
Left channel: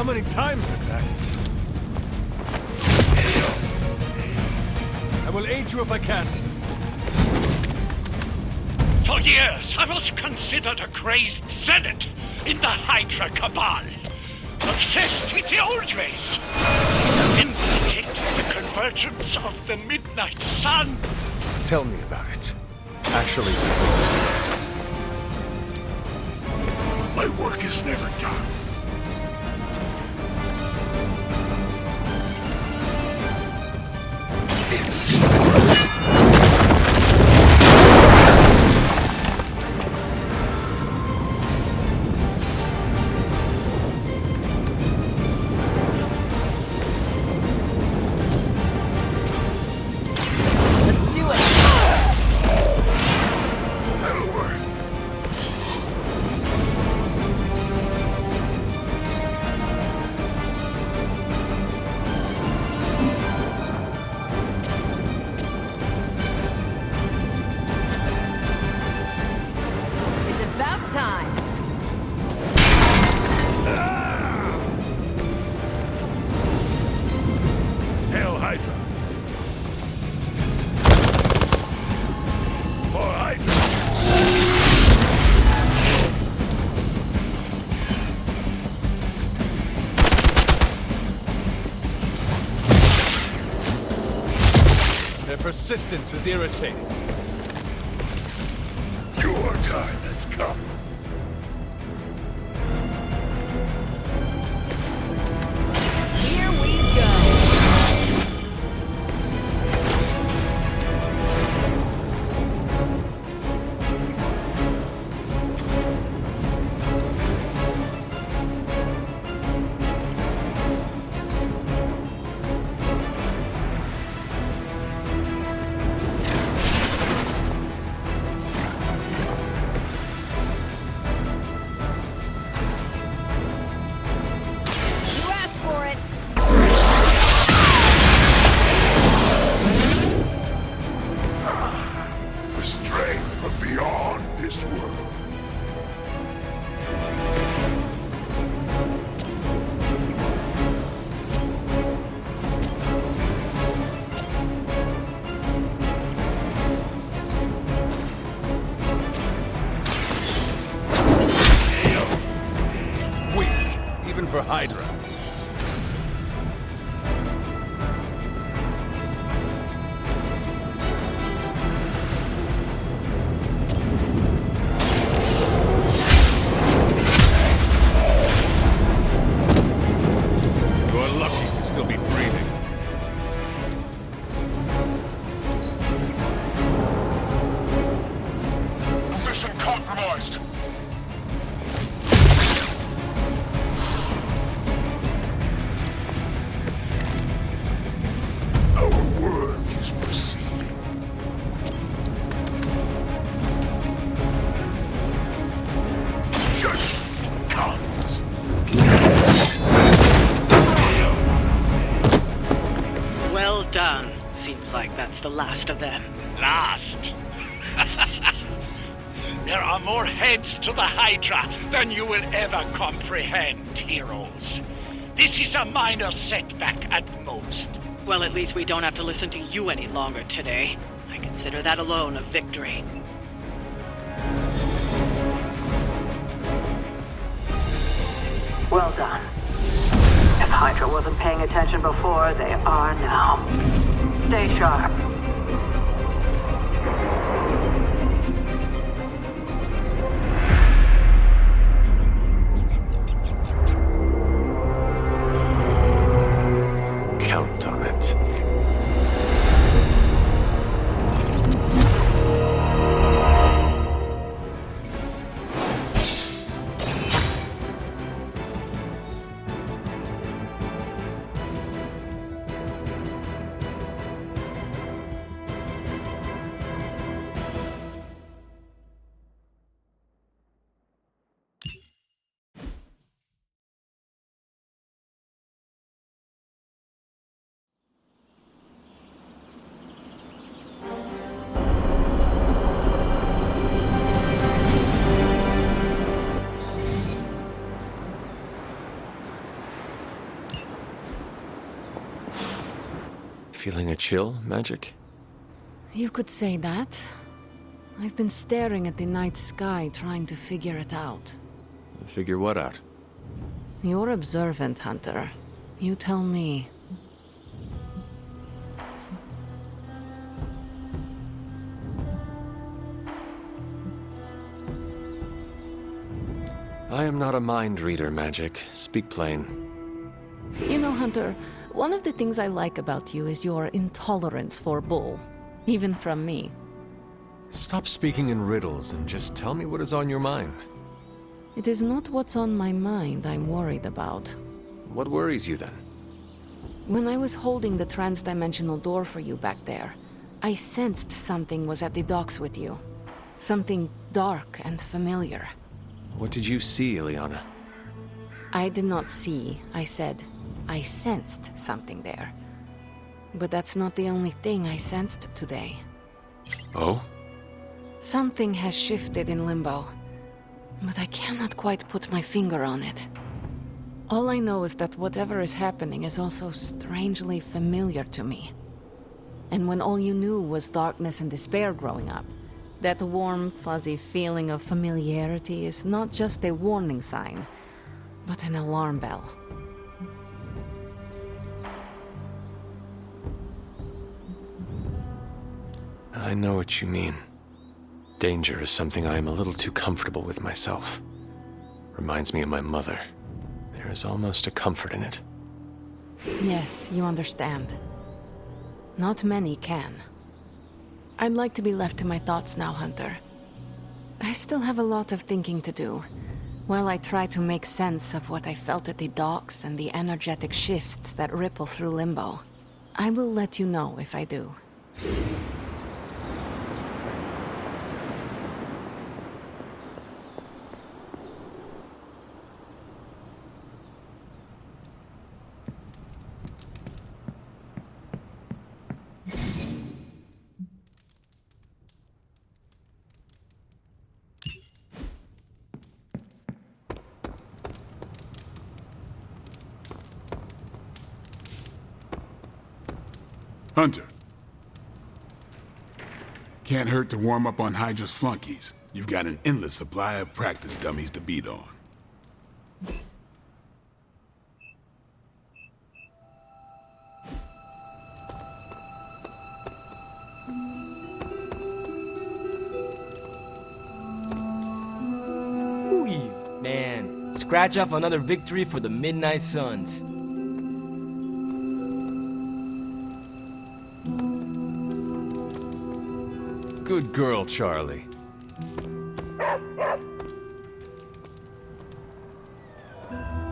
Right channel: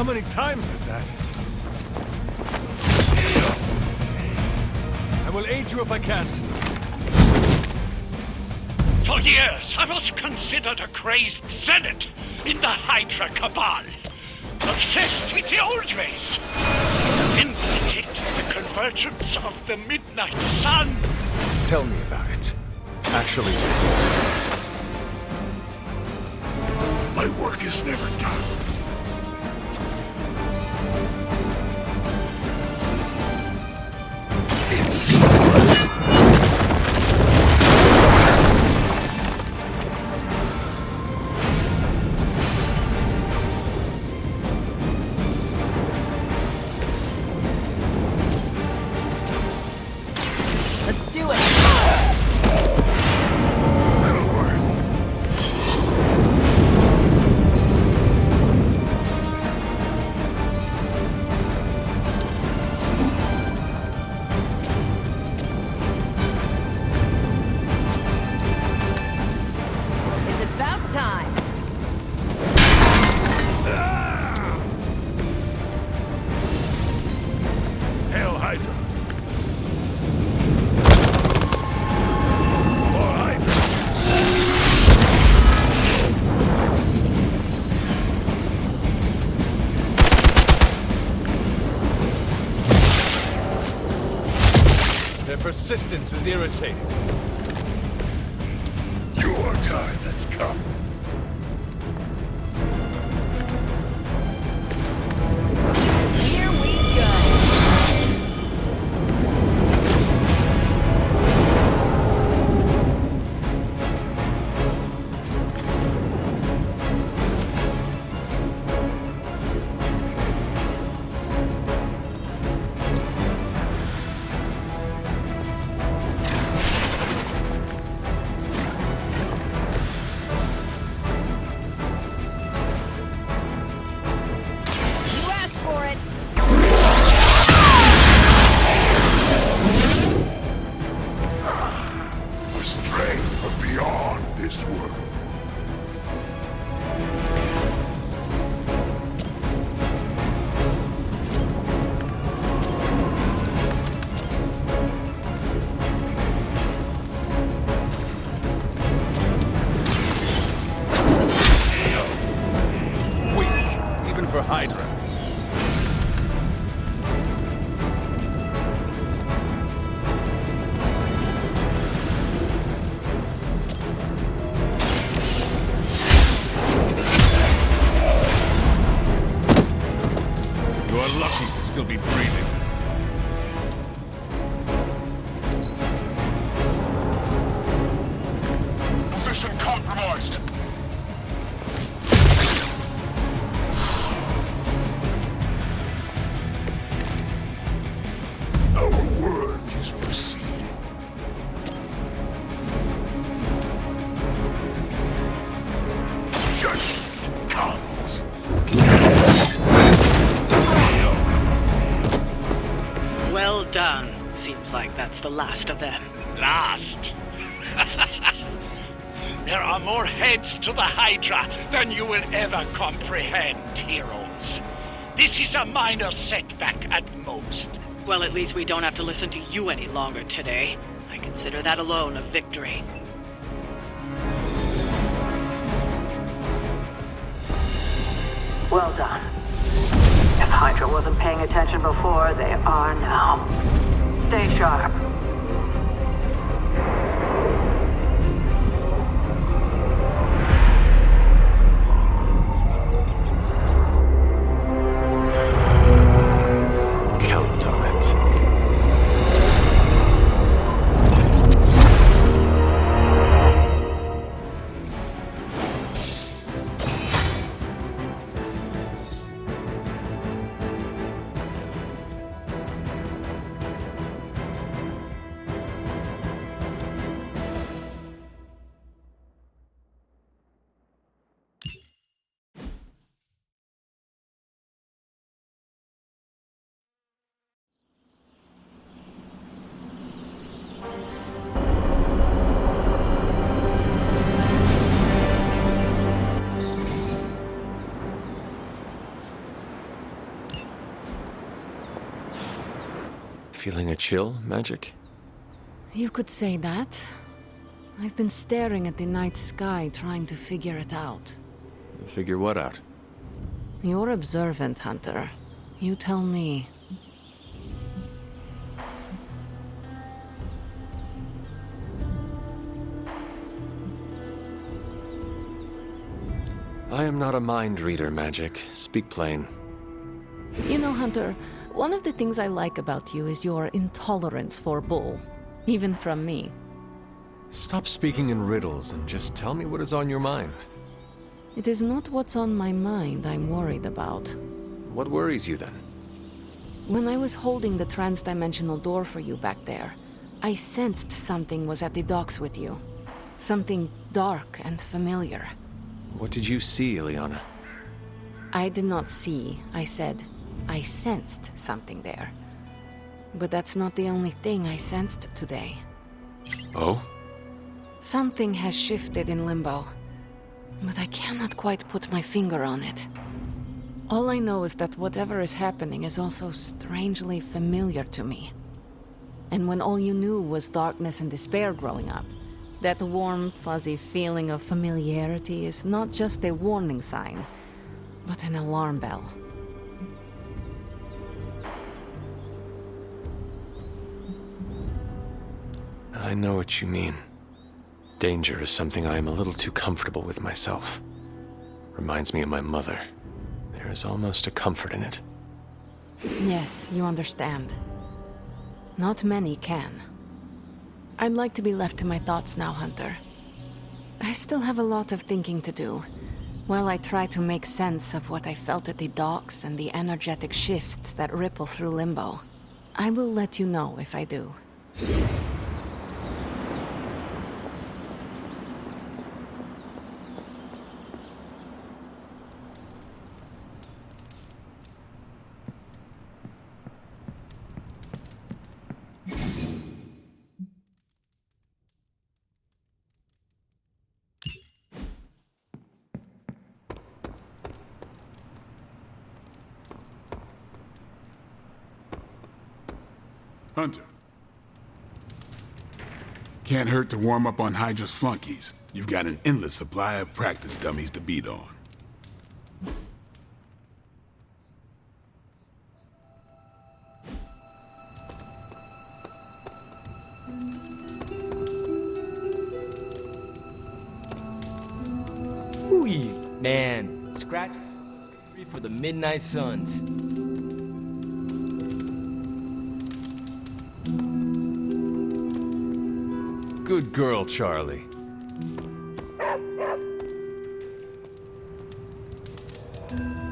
many times is that? I will aid you if I can. For years, I was considered a crazed zealot in the Hydra Cabal. Obsessed with the old race. Then detected the convergence of the Midnight Sun. Tell me about it. Actually, My work is never done. Let's do it! That'll work. It's about time! Hail Hydra! For Hydra! Their persistence is irritating. Your time has come. Here we go! You asked for it! A strength from beyond this world. Weak, even for Hydra. You are lucky to still be breathing. Position compromised. Our work is proceeding. Judgment comes. Well done. Seems like that's the last of them. Last. There are more heads to the Hydra than you will ever comprehend, heroes. This is a minor setback at most. Well, at least we don't have to listen to you any longer today. I consider that alone a victory. Well done. If Hydra wasn't paying attention before, they are now. Stay sharp. count on it. Feeling a chill, Magic? You could say that. I've been staring at the night sky trying to figure it out. Figure what out? You're observant, Hunter. You tell me. I am not a mind reader, Magic. Speak plain. You know, Hunter, one of the things I like about you is your intolerance for bull. Even from me. Stop speaking in riddles and just tell me what is on your mind. It is not what's on my mind I'm worried about. What worries you then? When I was holding the transdimensional door for you back there, I sensed something was at the docks with you. Something dark and familiar. What did you see, Ileana? I did not see, I said. I sensed something there. But that's not the only thing I sensed today. Oh? Something has shifted in Limbo. But I cannot quite put my finger on it. All I know is that whatever is happening is also strangely familiar to me. And when all you knew was darkness and despair growing up, that warm, fuzzy feeling of familiarity is not just a warning sign, but an alarm bell. I know what you mean. Danger is something I am a little too comfortable with myself. Reminds me of my mother. There is almost a comfort in it. Yes, you understand. Not many can. I'd like to be left to my thoughts now, Hunter. I still have a lot of thinking to do, while I try to make sense of what I felt at the docks and the energetic shifts that ripple through Limbo. I will let you know if I do. Hunter. Can't hurt to warm up on Hydra's flunkies. You've got an endless supply of practice dummies to beat on. Ooh, man. Scratch off another victory for the Midnight Suns. Good girl, Charlie.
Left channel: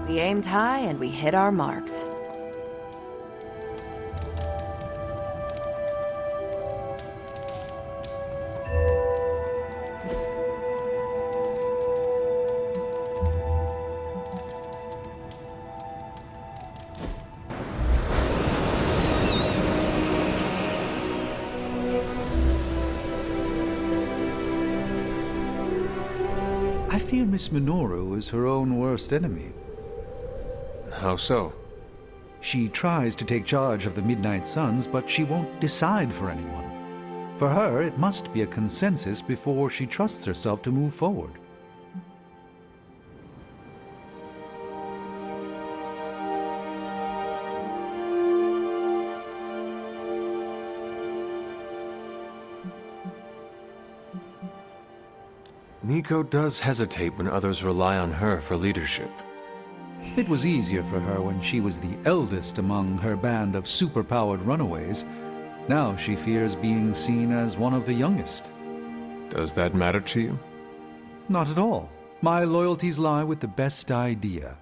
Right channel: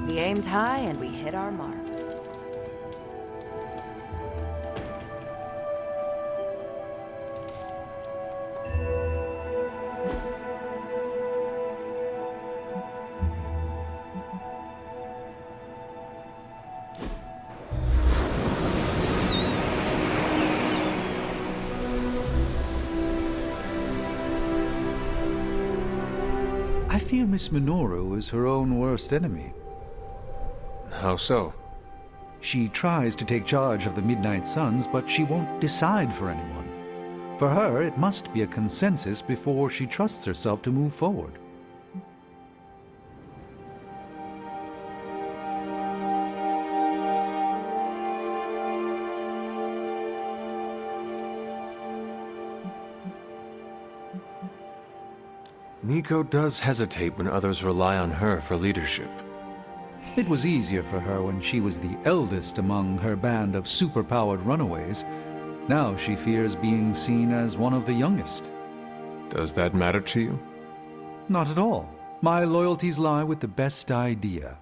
We aimed high and we hit our marks. I fear Miss Minoru is her own worst enemy. How so? She tries to take charge of the Midnight Suns, but she won't decide for anyone. For her, it must be a consensus before she trusts herself to move forward. Nico does hesitate when others rely on her for leadership. It was easier for her when she was the eldest among her band of superpowered runaways. Now she fears being seen as one of the youngest. Does that matter to you? Not at all. My loyalties lie with the best idea.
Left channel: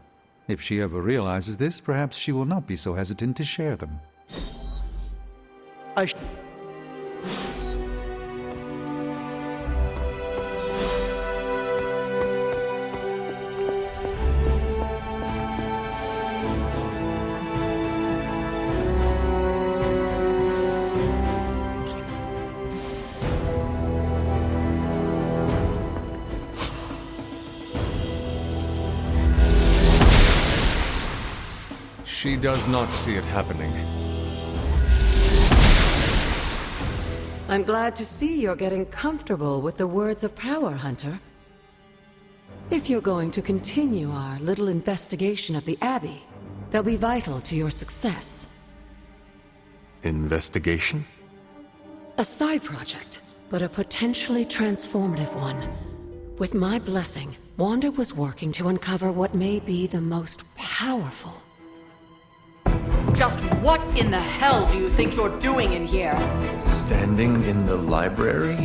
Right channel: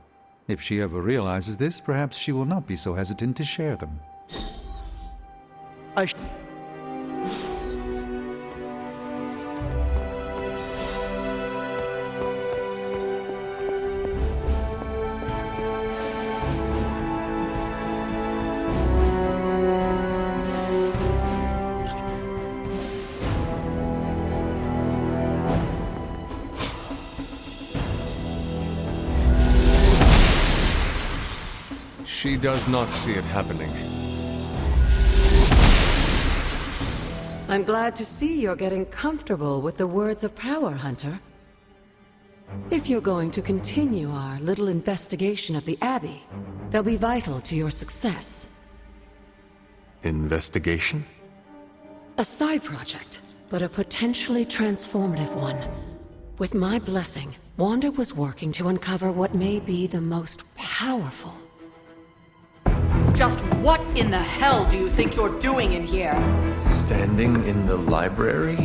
If she ever realizes this, perhaps she will not be so hesitant to share them. She does not see it happening. I'm glad to see you're getting comfortable with the words of power, Hunter. If you're going to continue our little investigation of the Abbey, they'll be vital to your success. Investigation? A side project, but a potentially transformative one. With my blessing, Wanda was working to uncover what may be the most powerful. Just what in the hell do you think you're doing in here? Standing in the library?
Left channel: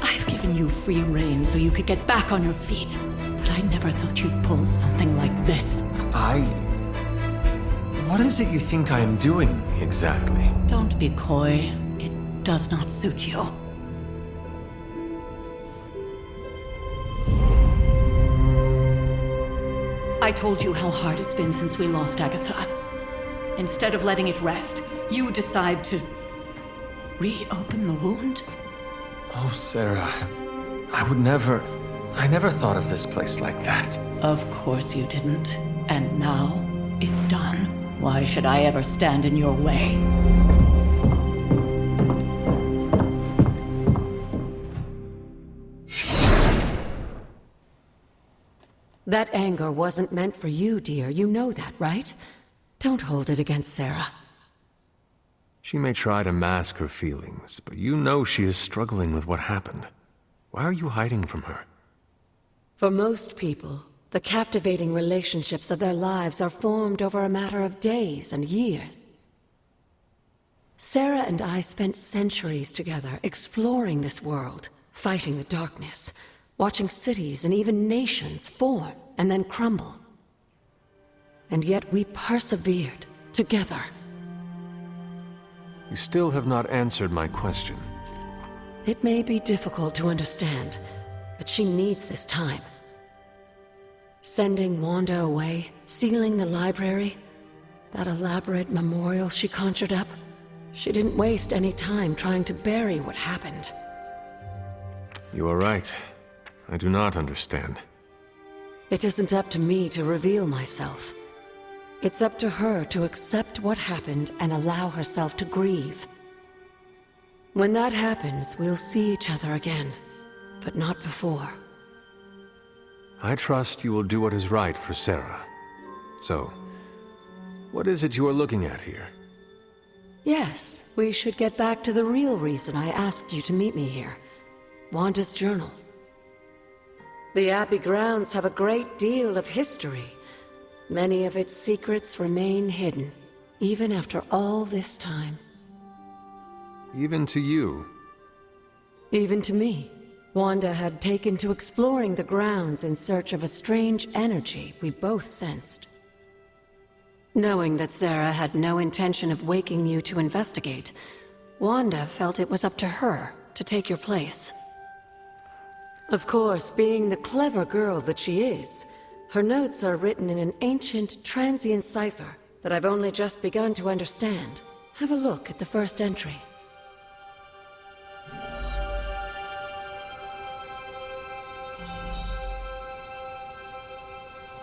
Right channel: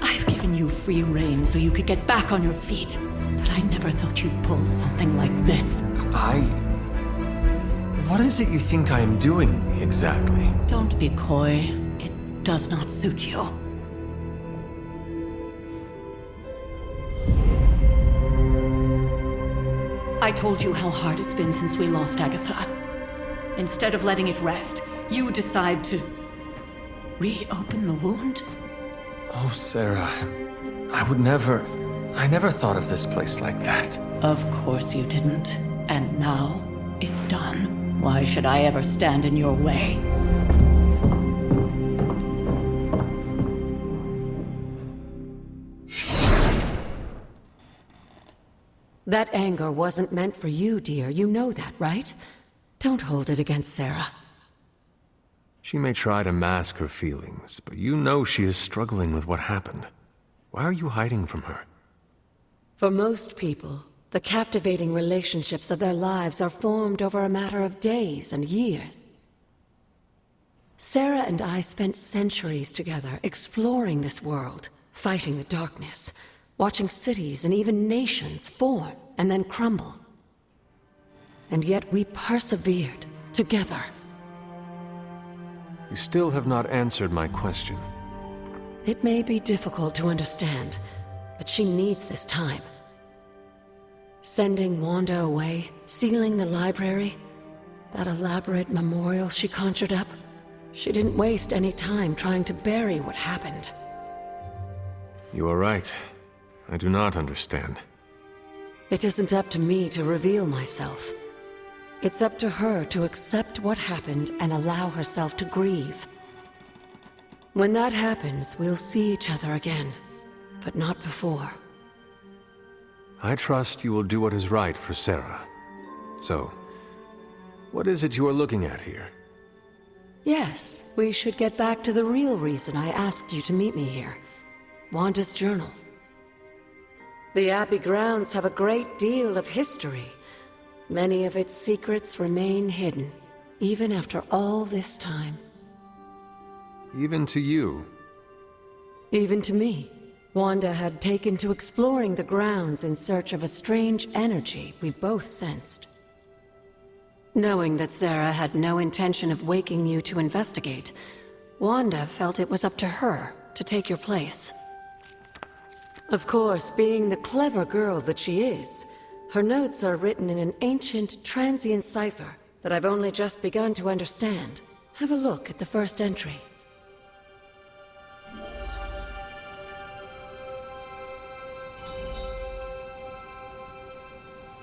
I've given you free rein so you could get back on your feet. But I never thought you'd pull something like this. What is it you think I am doing, exactly? Don't be coy. It does not suit you. I told you how hard it's been since we lost Agatha. Instead of letting it rest, you decide to reopen the wound? Oh, Sarah, I never thought of this place like that. Of course you didn't. And now, it's done. Why should I ever stand in your way? That anger wasn't meant for you, dear. You know that, right? Don't hold it against Sarah. She may try to mask her feelings, but you know she is struggling with what happened. Why are you hiding from her? For most people, the captivating relationships of their lives are formed over a matter of days and years. Sarah and I spent centuries together exploring this world, fighting the darkness, watching cities and even nations form and then crumble. And yet we persevered together. You still have not answered my question. It may be difficult to understand, but she needs this time. Sending Wanda away, sealing the library, that elaborate memorial she conjured up, she didn't waste any time trying to bury what happened. You are right. I do not understand. It isn't up to me to reveal myself. It's up to her to accept what happened and allow herself to grieve. When that happens, we'll see each other again, but not before. I trust you will do what is right for Sarah. So, what is it you are looking at here? Yes, we should get back to the real reason I asked you to meet me here. Wanda's journal. The Abbey grounds have a great deal of history. Many of its secrets remain hidden, even after all this time. Even to you? Even to me. Wanda had taken to exploring the grounds in search of a strange energy we both sensed. Knowing that Sarah had no intention of waking you to investigate, Wanda felt it was up to her to take your place. Of course, being the clever girl that she is, her notes are written in an ancient, transient cipher that I've only just begun to understand. Have a look at the first entry.